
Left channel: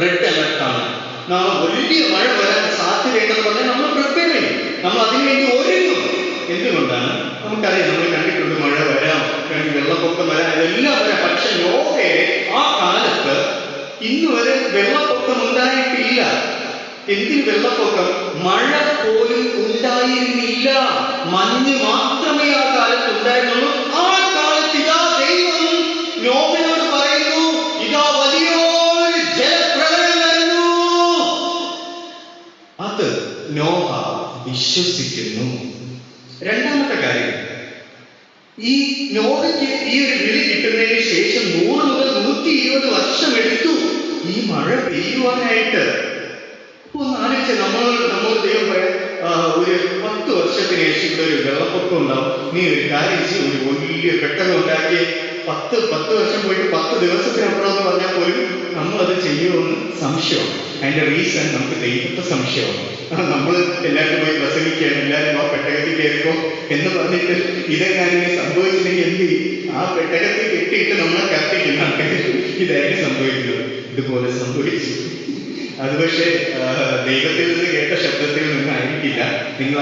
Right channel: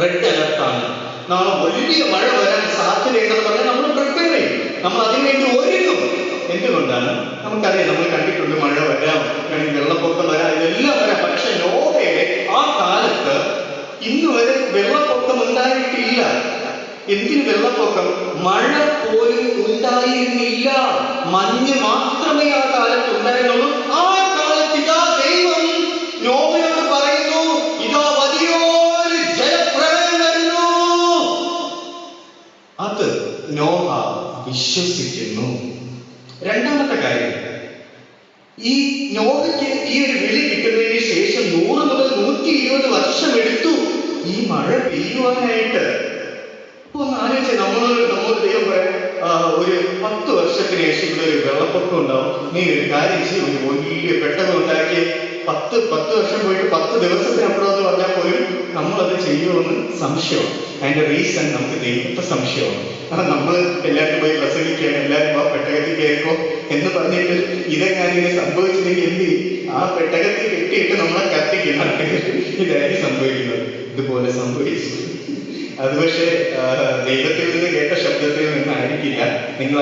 റെഡ് അലർട്ടാണ്. നാളെ വലിയ മഴ വരാൻ സാധ്യതയുണ്ടെന്ന് പറഞ്ഞാൽ നമ്മൾ പ്രിപ്പയർ ചെയ്യും, നമ്മൾ അതിനുവേണ്ടി ഒരുങ്ങും. നമുക്കറിയാം, നമ്മൾ കണ്ടിട്ടുണ്ട്, മഴ വരാം, വെള്ളപ്പൊക്കം വരാം, ഇതെല്ലാം വരാം. പക്ഷെ നോഹയുടെ ആ കാലത്ത് ഇന്ന് വരെ വെള്ളപ്പൊക്കം ഉണ്ടായിട്ടില്ല. എന്തിന് വെള്ളപ്പൊക്കം? മഴ പോലും ഉണ്ടായിരുന്നില്ല. മഞ്ഞ് മാത്രമേ ആ കാലത്ത് ഉണ്ടായിരുന്നുള്ളൂ. ആ കാലത്ത് ഇതാ ദൈവം നോഹയോട് പറയുന്നു, ഇതാ വലിയൊരു ജലപ്രളയം വരുന്നു. അത് നോഹ വിശ്വസിക്കുന്നു. രണ്ടാമത്തെ കാര്യം, ഈ നോഹയ്ക്ക് ഈ ഒരു വിളി കിട്ടുന്നതിന് ശേഷം 100 മുതൽ 120 വർഷം എടുത്തു ഈ മഴ പെയ്യുവാനായിട്ട്. ഒന്ന് ആലോചിച്ച, നമ്മൾ ദൈവം പറയാം, ഒരു 10 വർഷത്തിന് ശേഷം ഇവിടെ ഒരു വെള്ളപ്പൊക്കം ഉണ്ടാവും, നീ ഒരു കാര്യം ചെയ്യും, ഒരു വലിയ പെട്ടെന്ന് ഉണ്ടാക്കി 10 വർഷം പോയിട്ട് 10 ദിവസത്തിനപ്പുറം എന്ന് പറഞ്ഞാൽ പോലും നമ്മളത് ചെയ്യുമെന്ന് സംശയം. അതിന്റെ റീസൺ നമുക്ക് ദൈവത്തെ സംശയമാണ്. നമ്മൾ എല്ലാവരും പോയി പ്രസംഗിക്കുകയാണ്, എല്ലാവരും ആ പെട്ടകത്തിൽ കയറിക്കോ എന്ന് പറഞ്ഞിട്ട് ഇതെങ്ങാനും സംഭവിച്ചില്ലെങ്കിൽ എന്ത് ചെയ്യും? ആ പെട്ടകത്തിൽ കെട്ടിയിട്ട് നമ്മളെ കത്തിക്കുന്ന ഇതായിരിക്കും സംഭവിക്കുന്നത്. ഇതുപോലെ സംഭവിച്ചു. അത് പക്ഷേ ദൈവത്തിൽ നിന്ന് കേട്ട ശബ്ദത്തിൽ നിന്നായിരിക്കില്ല. നിങ്ങൾ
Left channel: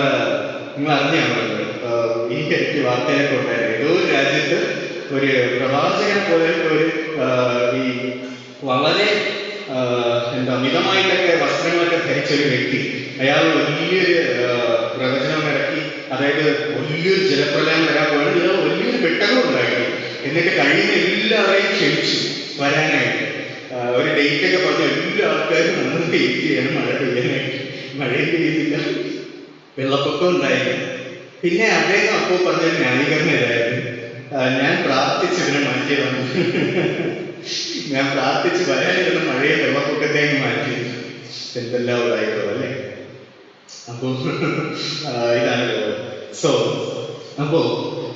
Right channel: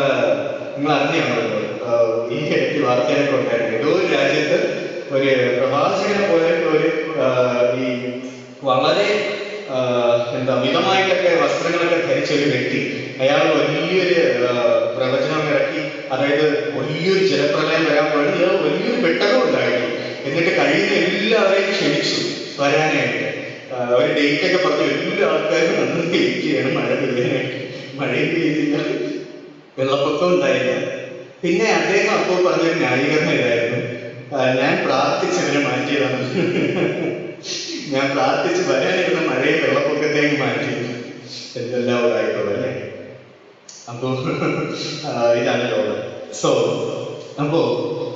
അറിഞ്ഞാണല്ലോ, ഈ ഇടയ്ക്ക് വാർത്തയിലൊക്കെ ഉണ്ടായിരുന്നു, ഏതോ ഒരു രാജ്യത്ത് ഒരു പ്രവാചകനെ പോലെ ഒരു ഈ വളരെ മിതമായിട്ടൊക്കെ വസ്ത്രങ്ങളൊക്കെ ധരിച്ച ഒരു വ്യക്തി, അയാൾ വലിയൊരു പ്രവചനം ഇറക്കി. അതായത് വലിയൊരു ജലപ്രളയം വരാൻ പോയത്, ഇയാൾ വലിയൊരു പെട്ടകം ഉണ്ടായിരുന്നു. എന്നിട്ട് കഴിയുന്ന എല്ലാവരെയും ക്ഷണിച്ചു വരാനായിട്ട്. ഒരു ഡേറ്റ് ഒക്കെ പറഞ്ഞു. എല്ലാ ആൾക്കാരും അന്ന് വെയിറ്റ് ചെയ്യണം മഴ പെയ്യാനായിട്ട്. മഴയും പെയ്യുന്നില്ല, വെള്ളപ്പൊക്കം ഉണ്ടായില്ല. പിന്നെ അദ്ദേഹം അപ്പോൾ പറഞ്ഞൊരു ന്യായീകരണം ഇതായിരുന്നു, ഞാൻ പ്രാർത്ഥിച്ചതിനെ മാറ്റിയതാണ്. ഞാൻ പ്രാർത്ഥിച്ച് വരാനിരുന്ന മഴയെ വെള്ളപ്പൊക്കത്തേക്ക് മാറ്റി. എന്തെല്ലാം ഉണ്ടായിട്ടോ അല്ലേ? അപ്പോ ഇതാണ്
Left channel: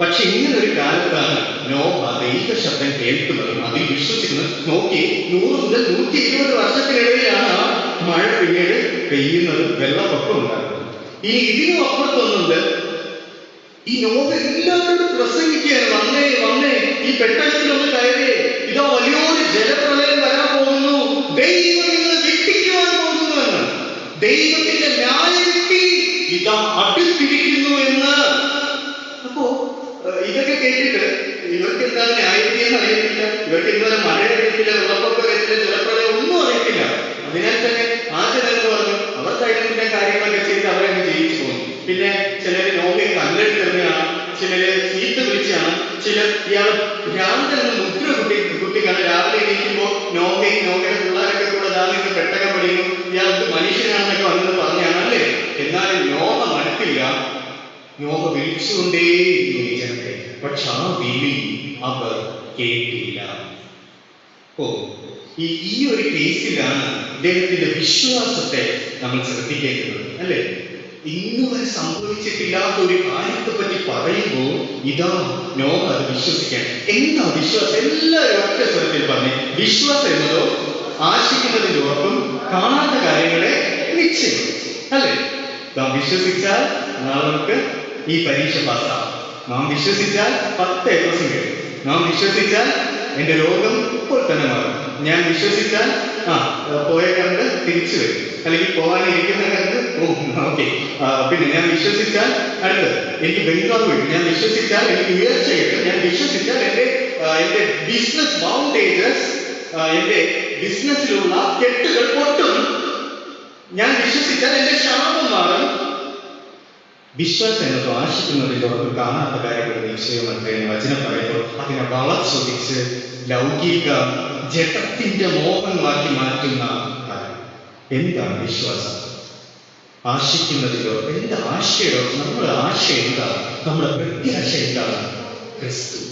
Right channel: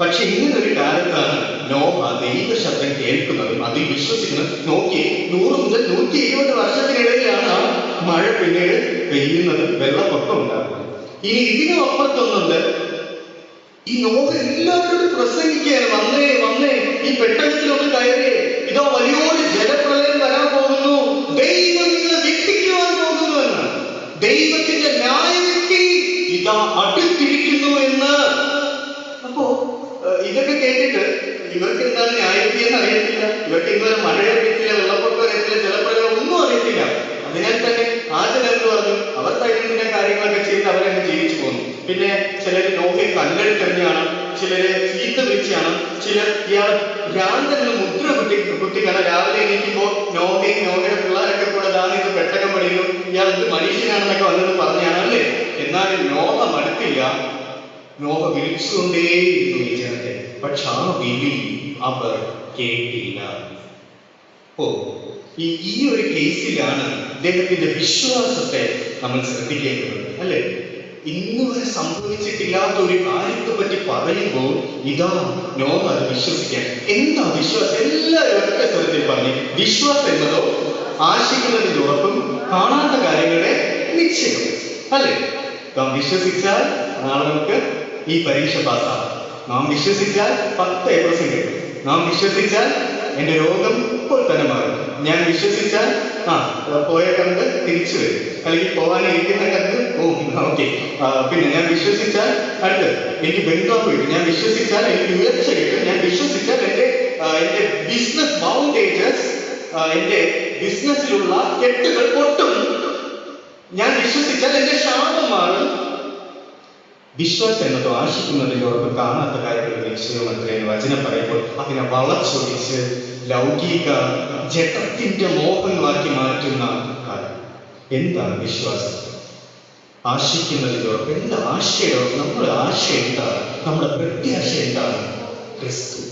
പക്ഷെ ഇങ്ങനൊരു കാലത്താണ് നോഹ ദൈവ ശബ്ദം കേൾക്കുന്നതും അതിൽ വിശ്വസിക്കുന്നത്. നോക്കി, 100 മുതൽ 120 വർഷത്തിനിടയിലാണ് മഴ പിന്നീട് പെയ്യുന്നതും വെള്ളപ്പൊക്കം ഉണ്ടാകുന്നത്. ഇനി ഇതിനും അപ്പുറത്തൊന്നുണ്ട്. ഈ നോഹ എല്ലാവരോടും പ്രസംഗിക്കുകയാണ്, വന്നേ ഈ പെട്ടകത്തിലൊന്ന് കയറി, ഇതോ വലിയൊരു ജലപ്രളയം വരാൻ പോകുന്നു, ദൈവം ഇത് വിധിക്കുവാൻ പോകുന്നു എന്ന്, ദൈവത്തിന്റെ ന്യായവിധി ഇതാ അടുത്തിരിക്കുന്നു എന്ന്. അപ്പോ ഇതൊക്കെ കേട്ടിട്ട് ഇവർക്ക് എന്താണ് ന്യായവിധി എന്ന് അറിയത്തില്ല, ഇവർക്ക് ഇതുവരെ മഴ അറിയത്തില്ല, വെള്ളപ്പൊക്കം അറിയത്തില്ല, ജലപ്രളയം ഒന്നും അറിയത്തില്ല. അതിനാൽ തന്നെ ആ ജനങ്ങൾ പറഞ്ഞു, അവർ ദൈവത്തിന്റെ കാര്യങ്ങളൊക്കെ ചെയ്ത് അവരങ്ങ് ജയിച്ചു പോകുന്നു. പിന്നെ ചിലര് നോഹയെ കല്ലെടുത്ത് തന്നെയാണ്, ചിലര് ചീത്ത വിളിച്ചാണ്, ചിലർ ഇയാൾ രാവിലെ മുദ്ര കുട്ടിക്കാണ്. രാവിലെ എണീക്കുമ്പോൾ നോഹയുടെ പിള്ളേരൊക്കെ കൂടെ ദാനിന്ന് പെട്ടകം പഠിക്കുന്നു, ഇയാൾ മനുഷ്യനാണെന്നൊക്കെ വന്നത് പറഞ്ഞാണ് അല്ലേ. എന്നാൽ നോഹ മടുത്തില്ല, നോഹ വിളിച്ചുകൊണ്ടേയിരുന്നു ഈ ജനത്തെ. പക്ഷെ ആ വിളി അവർ കേട്ടില്ല. ഈ ഒരു കേസിലാണ് ഇദ്ദേഹത്തിന്റെ വിശ്വാസത്തെ നമ്മൾ ശ്രദ്ധിക്കേണ്ടത് അല്ലേ. ഇന്നുവരെ സംഭവിച്ചിട്ടില്ലാത്ത ഒരു കാര്യത്തെ പറ്റി പറയുമ്പോൾ ഇതാ നോഹ വിശ്വസിക്കാൻ. എന്താ വിശ്വാസം? എല്ലാവരും ഒറ്റ സ്വരത്തിൽ പറഞ്ഞു, വിശ്വാസം എന്നതോ ആശിക്കുന്നതിന്റെ ഉറപ്പും കാണാത്ത കാര്യങ്ങളെ നിശ്ചയം അല്ലേ. നാം വിശ്വസിച്ചാൽ നാളെ നമുക്ക് ഈ പരീക്ഷ പാസ്സാകും. നാം വിശ്വസിച്ചാൽ 10 A+ കിട്ടും. നാം വിശ്വസിച്ചാൽ എന്റെ രോഗം ഇപ്പോൾ തന്നെ മാറും. ഞാൻ വിശ്വസിച്ചാൽ പോയ കണ്ട് തിരിച്ചു വരും, അല്ലെങ്കിൽ പോകാനിരിക്കുന്ന കണ്ട് ഓക്കെ. പിന്നെ ഞാൻ വിശ്വസിച്ചാൽ എനിക്ക് ബംഗ്ലാവ് കിട്ടും, ഞാൻ വിശ്വസിച്ചാൽ എനിക്ക് ഉയർച്ച കിട്ടും, ഞാൻ വിശ്വസിച്ചാൽ എന്റെ ബിസിനസ് ബൗണ്ടേജസ്, എന്റെ ബിസിനസ്സിലുള്ള കെട്ടുകൾ പൊട്ടും, ഞാൻ വിശ്വസിച്ചാൽ എന്റെ ശാപം മാറും. വിശ്വാസം എന്നത് ആശിക്കുന്നതിനോടൊപ്പം കാണാത്ത കാര്യങ്ങൾ നിശ്ചയം അത്രയും വചനം പറയുമ്പോൾ അതിനെ വളച്ചൊടിച്ച് ലൗകിക ജഡത്തിന്റെ മോഹങ്ങളാക്കി മാറ്റുന്ന കാര്യം. എന്താണ് വിശ്വാസം? ആശിക്കുന്നതിനോടൊപ്പം എന്താ ആശയോടൊപ്പം നമ്മുടെ ആശയം എന്താണ്? നമ്മുടെ പ്രത്യാശ എന്താണ്? ക്രിസ്തു.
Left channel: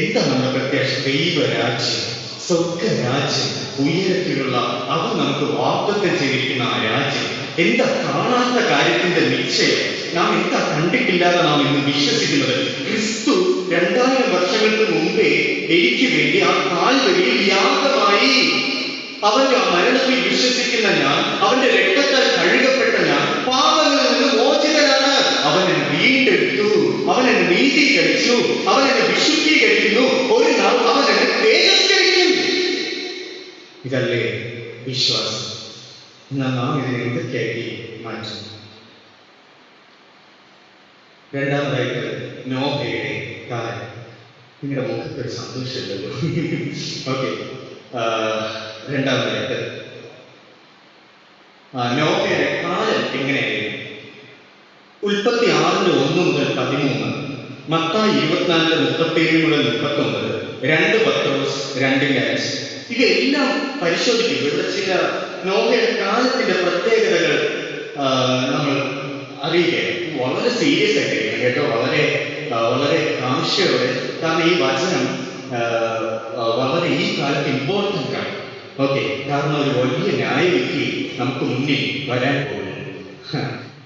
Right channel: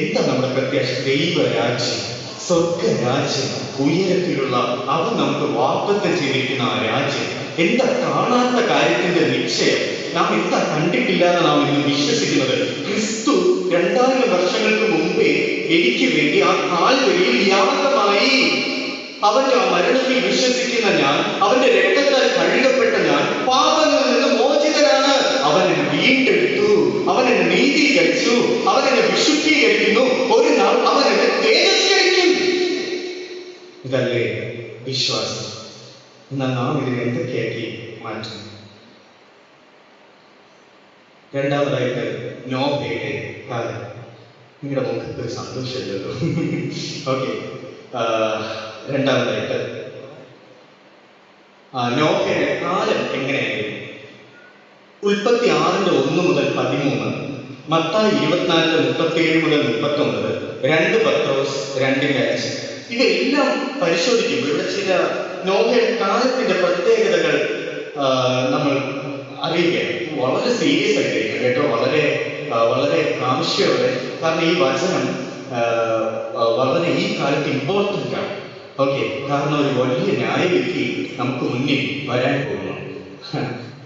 എന്താ നമ്മുടെ പ്രത്യാശ? ദൈവരാജ്യം, സ്വർഗരാജ്യം, ഉയരത്തിലുള്ള അത് നമുക്ക് വാഗ്ദത്തം ചെയ്തിരിക്കുന്ന ആ രാജ്യം. എന്താ കാണാത്ത കാര്യത്തിന്റെ നിശ്ചയം? നാം എന്താ കണ്ടിട്ടില്ലാതെ നാം ഇന്ന് വിശ്വസിക്കുന്നത്? ക്രിസ്തു 2000 വർഷങ്ങൾക്ക് മുമ്പേ എനിക്ക് വേണ്ടി ആ കാൽവരിയിൽ യാഗമായി. അവന്റെ മരണത്തിൽ വിശ്വസിക്കുന്ന ഞാൻ, അവന്റെ രക്തത്താൽ കഴുകപ്പെട്ട ഞാൻ, പാപങ്ങളിൽ നിന്ന് മോചിതനാണ്. അവൻ എന്നെ വീണ്ടെടുത്തു, അവൻ എന്നെ നീതീകരിച്ചു, അവൻ എന്നെ വിശുദ്ധീകരിക്കുന്നു, ഒരു നാൾ അവൻ എന്നെ തേജസ്കരിക്കും. ഇതല്ലേ വിശ്വാസം? എന്നാൽ നാം ഇതിനെ എന്തൊക്കെയാക്കി മാറ്റുന്നു? രണ്ടാമതായിട്ട് നോഹയുടെ കാലം. നിങ്ങളുടെ മുഖത്ത് ഒരു സന്തോഷമില്ലല്ലോ. ഓക്കെ, രണ്ടാമതായിട്ട് നോഹയുടെ കാലം എങ്ങനെയായിരുന്നു? ഉൽപ്പത്തി 6:1-13, മത്തായി 24:37-39, 2 പത്രോസ് 2:5. ഇവയെല്ലാം പരിശോധിക്കുമ്പോൾ ഇവിടെ ചില നോഹയുടെ കാലത്തിന്റെ പ്രത്യേകതകൾ നമ്മൾ അറിയുകയാണ്. വളരെ സീരിയസ് ആയിട്ടായിരിക്കും കേട്ടോ, വളരെ വളരെ ആവശ്യമുള്ള, കാരണം ഈ വചനം വളരെ ഈ കാലത്ത് ഇമ്പോർട്ടൻ്റ് ആണ്. ഓക്കെ, കാരണം ഒരു വലിയ ന്യായവിധി നമുക്ക് മുന്നിൽ വരാൻ പോകുന്നു.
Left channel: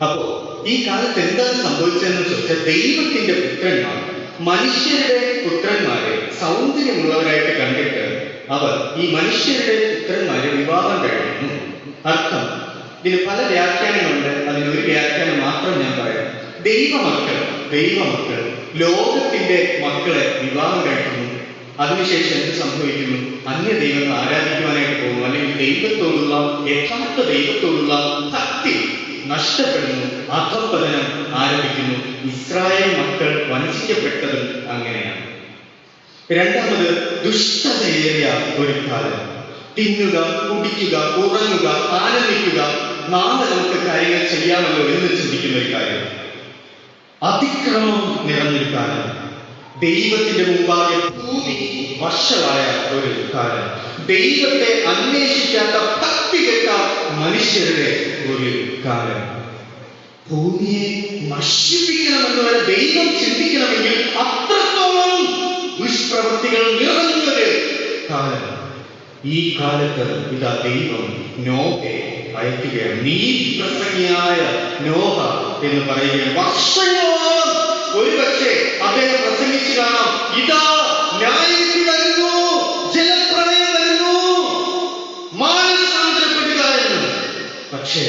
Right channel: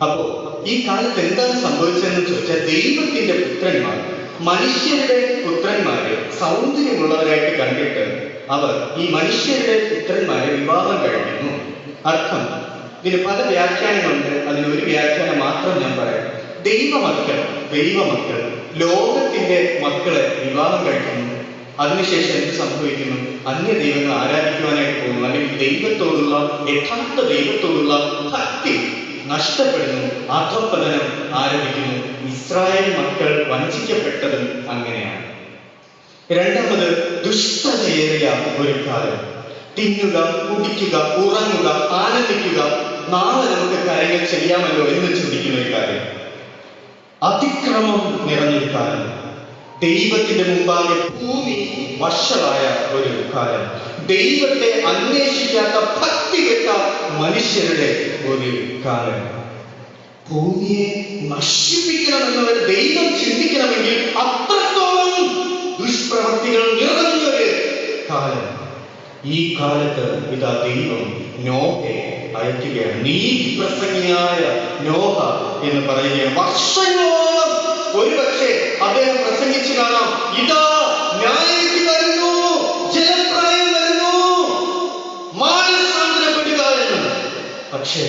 അപ്പോ ഈ കാലത്ത് എന്താണ് സംഭവിച്ചതെന്ന് ചോദിച്ചാൽ, ദൈവത്തിന്റെ പുത്രന്മാർ മനുഷ്യരുടെ പുത്രന്മാരെ സൗന്ദര്യമുള്ളവരായിട്ട് കണ്ടിട്ട് അവർ ഈ മനുഷ്യരുടെ പുത്രന്മാരെ വിവാഹം കഴിക്കുന്നു. അർത്ഥം, ഇതിന് പല വ്യാഖ്യാനങ്ങളുണ്ട്. അതിനൊരു വ്യാഖ്യാനം മാത്രം ഞാൻ പറയാം. ദൈവമക്കൾ ലോകത്തിന്റെ മക്കളെ വിവാഹം കഴിക്കുന്നു. അതിനുശേഷം എന്ത് സംഭവിക്കുന്നു? അന്യ ദൈവങ്ങൾ ആരാധിക്കുവാനായിട്ട് പോകുന്നു, അല്ലെങ്കിൽ ദൈവത്തോടുള്ള യഥാർത്ഥ ദൈവത്തോടുള്ള ഭക്തി നഷ്ടപ്പെടുന്നു, അധഃപതനം ആരംഭിക്കുന്നു. ഇസ്രായേൽ മക്കൾ വഞ്ചിക്കപ്പെട്ടതും അങ്ങനെയാണ്. രണ്ടാമത്, ദുഷ്ടതയേറിയ ഒരു കാലം. തിന്നുക, കുടിക്കുക, ഉറങ്ങുക, ആനന്ദിക്കുക, നാളെ നമുക്ക് കാര്യങ്ങൾ ചെയ്യാമല്ലോ എന്ന് ചിന്തിക്കുന്ന ഒരു കാര്യം. അതിക്രമം നിറഞ്ഞൊരു കാലം. ദൈവത്തിന്റെ മുമ്പാകെ ഭൂമി വഷളായ ഒരു കാലം. ദൈവത്തെ അന്വേഷിക്കാത്ത ഭക്തികെട്ട മനുഷ്യരുടെ ഒരു കാലം. ഭൂമിയെ നശിപ്പിക്കണമെന്ന് ദൈവം ചിന്തിക്കണമെങ്കിൽ അത്രത്തോളം ദുഷ്പ്രവൃത്തികൾ നിറഞ്ഞൊരു കാലം. ഈ കാലത്ത് ഇതാ ദൈവം നോഹയെ അയക്കുകയാണ്. നീതി പ്രസംഗിയായ നോഹ എന്ന് പറയുകയാണ്. വർഷങ്ങളോളം ഒരുപക്ഷെ അദ്ദേഹം പ്രസംഗിച്ചു കാണാം, ഇതാ ന്യായവിധി വരുന്നു, ജലപ്രളയം വരുന്നു, മാനസാന്തരപ്പെടുക എന്ന്. പക്ഷേ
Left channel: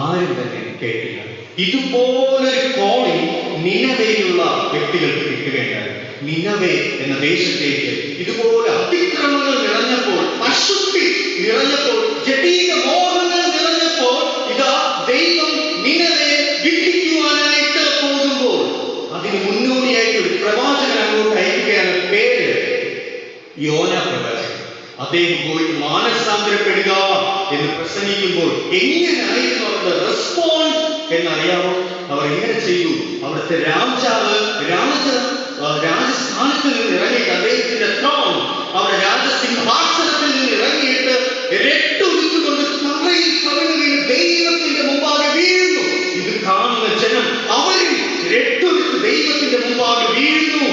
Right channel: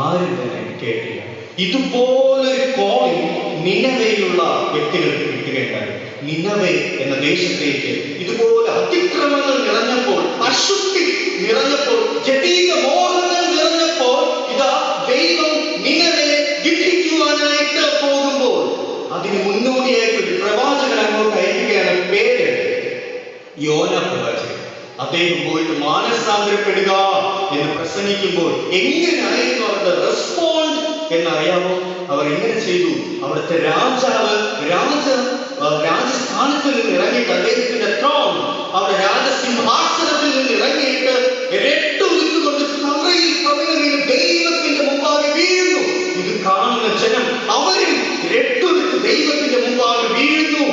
ആരും തന്നെ കേട്ടില്ല. ഇതുപോലൊരു കോളിംഗ് നിനവയിലുള്ള വ്യക്തികൾക്ക് കിട്ടുകയുണ്ടായി. നിനവെ എന്ന ദേശത്തേക്ക് ഇതുപോലെ അതിക്രമങ്ങൾ നിറഞ്ഞപ്പോൾ, അശുദ്ധി നിറഞ്ഞപ്പോൾ, ജടീക മോഹങ്ങൾ നിറഞ്ഞപ്പോൾ, ഇതാ ദൈവം നിനവയെ വിധിക്കുവാനായിട്ട് പോകുമ്പോൾ അതിന് മുന്നോടിയായിട്ട് ഒരു പ്രവാചകൻ അങ്ങോട്ട് അയക്കുകയാണ്. പേര് യോന പ്രവാചകൻ. അദ്ദേഹം പോയിട്ട് മാനസാന്തരപ്പെടുക എന്ന് പ്രസംഗിക്കുമ്പോൾ എങ്ങനെയായിരുന്നു അവരുടെ റെസ്പോണ്ട് എന്നറിയാമോ? അവർ എങ്ങനെ ചെയ്തു? അവിടുത്തെ രാജാവ് രാജസ്ഥാനത്തിൽ നിന്ന് ഇറങ്ങിയിട്ട് അദ്ദേഹത്തിന്റെ ത്രോൺ, അവരുടെ രാജസിംഹാസനത്തിൽ നിന്ന് ഇറങ്ങിയിട്ട് രട്ടുകൊണ്ട് തറയിൽ കവിഞ്ഞു വീണ് ദൈവത്തിന്റെ മുമ്പാകെ വീഴുന്നു. ഇത് കാണുന്ന ജനം അവരും രട്ടുവിട്ട് ദൈവത്തിന്റെ മുമ്പാകെ വീഴുന്നു.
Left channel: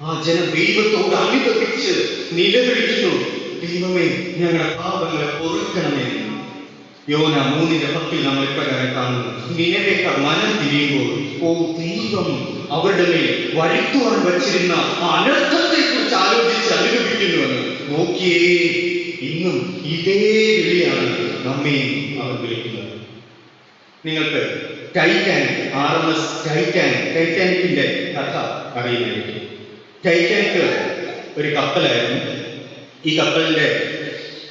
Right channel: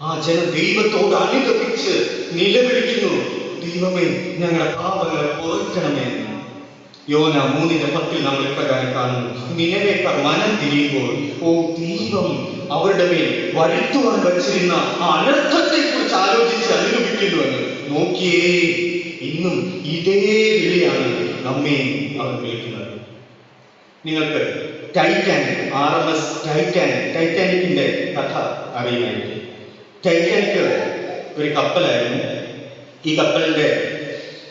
ആ ജനം ദൈവത്തോട് അനുദപിച്ച് നിലവിളിക്കുന്നു, ദൈവമേ ഞങ്ങളുടെ പാപങ്ങളെ പൊറുക്കണമേ. യോന 3:10 നമ്മൾ ഇപ്രകാരം കാണുന്നു. നിനവേക്കാർ മനം തിരിയുമ്പോൾ, ഓ ദൈവം അവരുടെ മേൽ വരുത്തുവാൻ വച്ചിരുന്ന ആ അനർത്ഥത്തെ കുറിച്ച് ആലോചിച്ച് അനുഭവിക്കുന്നുവെന്ന്. നോക്കിയേ, ഇന്നും ഇതേ വിളിയാണ് നമ്മെ അവർ വിളിക്കുന്നത്. നിങ്ങൾക്ക് ടൈറ്റാനിക്കിന്റെ കഥ അറിയുമായിരിക്കും. ടൈറ്റാനിക് ഒരു കപ്പലായിരുന്നു. ഈ കപ്പലിന്റെ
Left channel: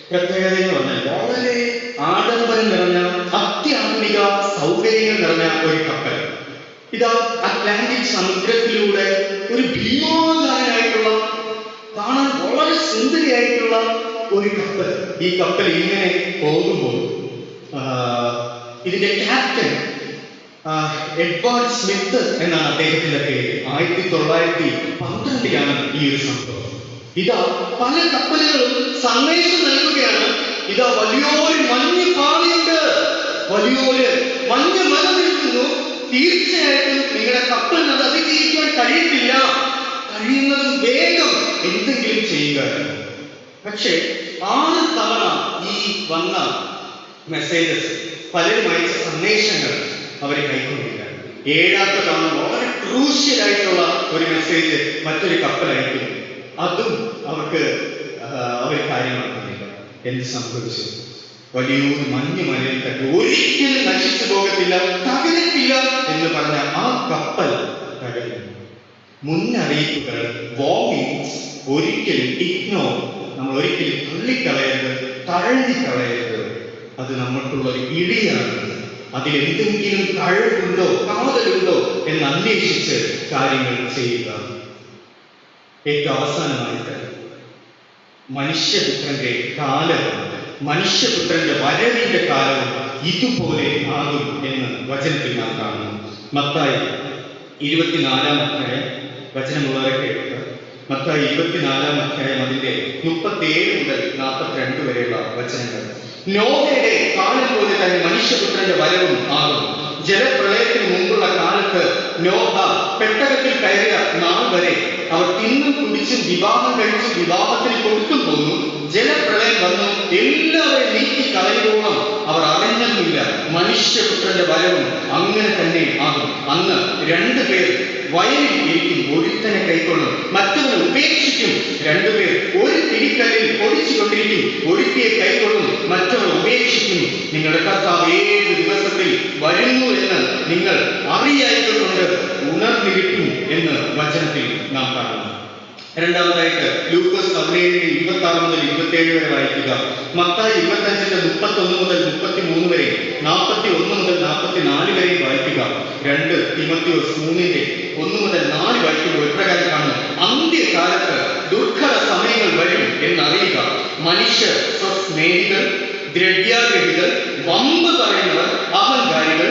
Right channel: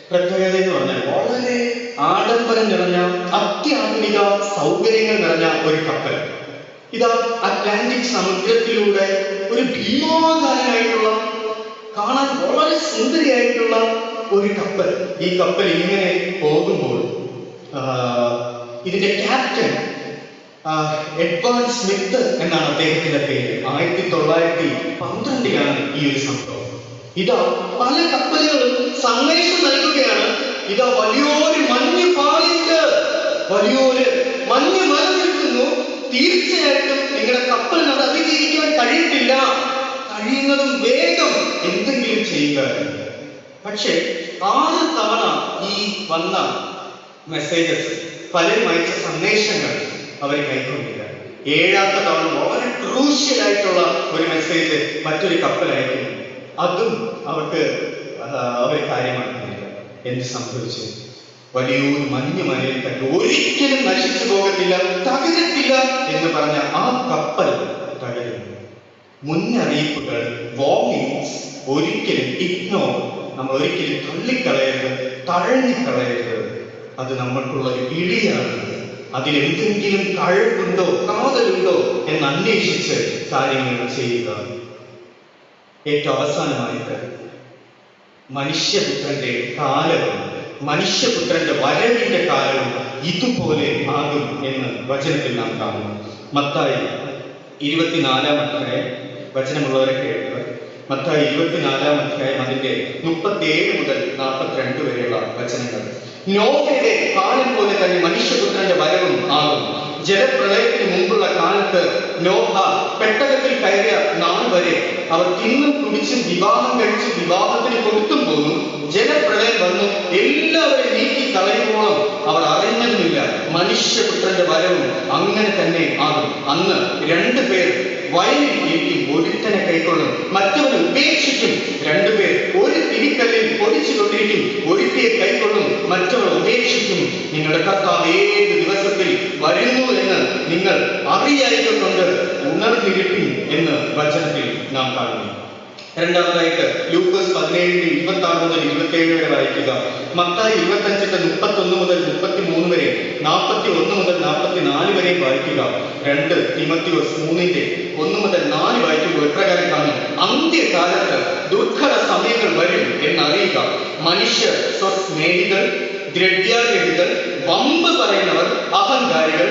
പ്രത്യേകത എന്ന് പറഞ്ഞാൽ വളരെ ആഡംബരം നിറഞ്ഞ, അത്യാധുനിക സൗകര്യങ്ങൾ നിറഞ്ഞ ഒരു കപ്പൽ. ഇതാ അറ്റ്ലാന്റിക് സമുദ്രത്തിലൂടെ ഒരു ഭീമാകാരനായിട്ടുള്ള, കാണാൻ വളരെ സുന്ദരിയായിട്ടുള്ള ഒരു കപ്പൽ. ഈ കപ്പൽ ഇങ്ങനെ പോകുമ്പോൾ ഇതിന്റെ ക്യാപ്റ്റൻ എഡ്വേർഡ് സ്മിത്ത് എന്നാണ് അദ്ദേഹത്തിന്റെ പേര്. 1912 ഈ ഒരു സംഭവം. ഇതാ പല കപ്പലുകളും സന്ദേശം നൽകുകയാണ്. ഇതാ വലിയൊരു മഞ്ഞ് പാളിയുണ്ട്, വലിയൊരു മഞ്ഞ് മല നിൽക്കുന്നു, തീർച്ചയായിട്ടും നിങ്ങളുടെ കപ്പലിന് അത് അതിജീവിക്കാൻ കഴിയത്തില്ല, കഴിയുന്നതും വേഗം എന്തെങ്കിലും ചെയ്യുക. പക്ഷേ 6 തവണ ഈ വന്ന മെസ്സേജസ്, പലരും അയച്ച സന്ദേശങ്ങൾ അവരെ കൈക്കൊള്ളില്ല. 7ാമത്തെ തവണ വളരെ ക്രൂഷ്യലായിട്ടുള്ള ഒരു മെസ്സേജ് മറ്റൊരു കപ്പലയക്കുന്നു. അതും അവർ കാര്യമാക്കുന്നില്ല. എന്ത് സംഭവിച്ചു? വലിയൊരു മഞ്ഞ് മലയിൽ തട്ടി ഒരിക്കലും നശിച്ചു പോകത്തില്ല, തകരത്തില്ല എന്ന് പറഞ്ഞ ആ കപ്പൽ തകരുന്നു. മുന്നറിയിപ്പുകൾ, വാർണിംഗ്സ് ഒരിക്കലും നമ്മൾ ഒരിക്കലും തള്ളിക്കളയരുത്, തഴഞ്ഞിക്കളയരുത്. അത് നമ്മൾക്കുള്ള ഒരു ഇടിയാണ്. അതിലെന്തെങ്കിലും കഴിവുണ്ടോ, കാതലുണ്ടോ എന്ന് അന്വേഷിച്ച് കാര്യങ്ങൾ ചെയ്യുക. ഏറ്റവും അവസാനമായിട്ട് മനുഷ്യപുത്രന്റെ കാലവും മനുഷ്യപുത്രന്റെ വരവിന്റെ കാലവും ഇതുപോലെ ആകും എന്ന് വചനത്തിൽ നാം കാണുന്നു. മത്തായി 24-ാം അധ്യായം, വചനമുള്ളവരൊക്കെ എടുക്കുക. മത്തായി 24-ാം അധ്യായം അതിന്റെ 37 മുതൽ 42 വരെയുള്ള വചനങ്ങൾ. നോഹയുടെ കാലം പോലെ തന്നെ മനുഷ്യപുത്രന്റെ വരവും ആകും. ജലപ്രളയത്തിന് മുമ്പുള്ള കാലത്ത് നോഹ പെട്ടകത്തിൽ കയറിയ നാൾ വരെ അവർ തിന്നും കുടിച്ചും വിവാഹം കഴിച്ചും വിവാഹത്തിന് കൊടുത്തും പോന്നു. ജലപ്രളയം വന്നു, എല്ലാവരെയും നീക്കി കളയുമ്പോഴും അവർ അറിഞ്ഞതുമില്ല. മനുഷ്യപുത്രന്റെ വരവും അങ്ങനെ തന്നെ ആകും. അന്ന് 2 പേർ വയലിൽ ഇരിക്കും, ഒരുത്തനെ കൈക്കൊള്ളും, മറ്റവനെ ഉപേക്ഷിക്കും. 2 പേർ ഒരു തിരിക്കല്ലിൽ പൊതിച്ചുകൊണ്ടിരിക്കും, ഒരുത്തിയെ കൈക്കൊള്ളും, മറ്റവനെ ഉപേക്ഷിക്കും. നിങ്ങളുടെ കർത്താവ് ഏത് ദിവസത്തിൽ വരുന്നു എന്ന് നിങ്ങൾ അറിയായിക്കൊണ്ട് ഉണർന്നിരിക്കും എന്ന് വചനത്തിൽ നാം കാണുന്നു. രണ്ടാമതായിട്ട് ലൂക്കോസ് 17-26 മുതൽ 27 വരെ വായിക്കുക. മത്തായി 25-31 മുതൽ 33 വരെ, 41 മുതൽ 44 വരെയും വായിക്കുക. 2 തിമോത്തിയോസ് 3-1 മുതൽ 4 വായിക്കുമ്പോൾ എപ്രകാരം കാണും? അന്ത്യകാലത്ത് ദുർഘട സമയങ്ങൾ വരും എന്നറിയുക. മനുഷ്യർ സ്വസ്നേഹികൾ, ദ്രവ്യാഗ്രഹികൾ, വമ്പ് പറയുന്നവർ, അഹങ്കാരികൾ,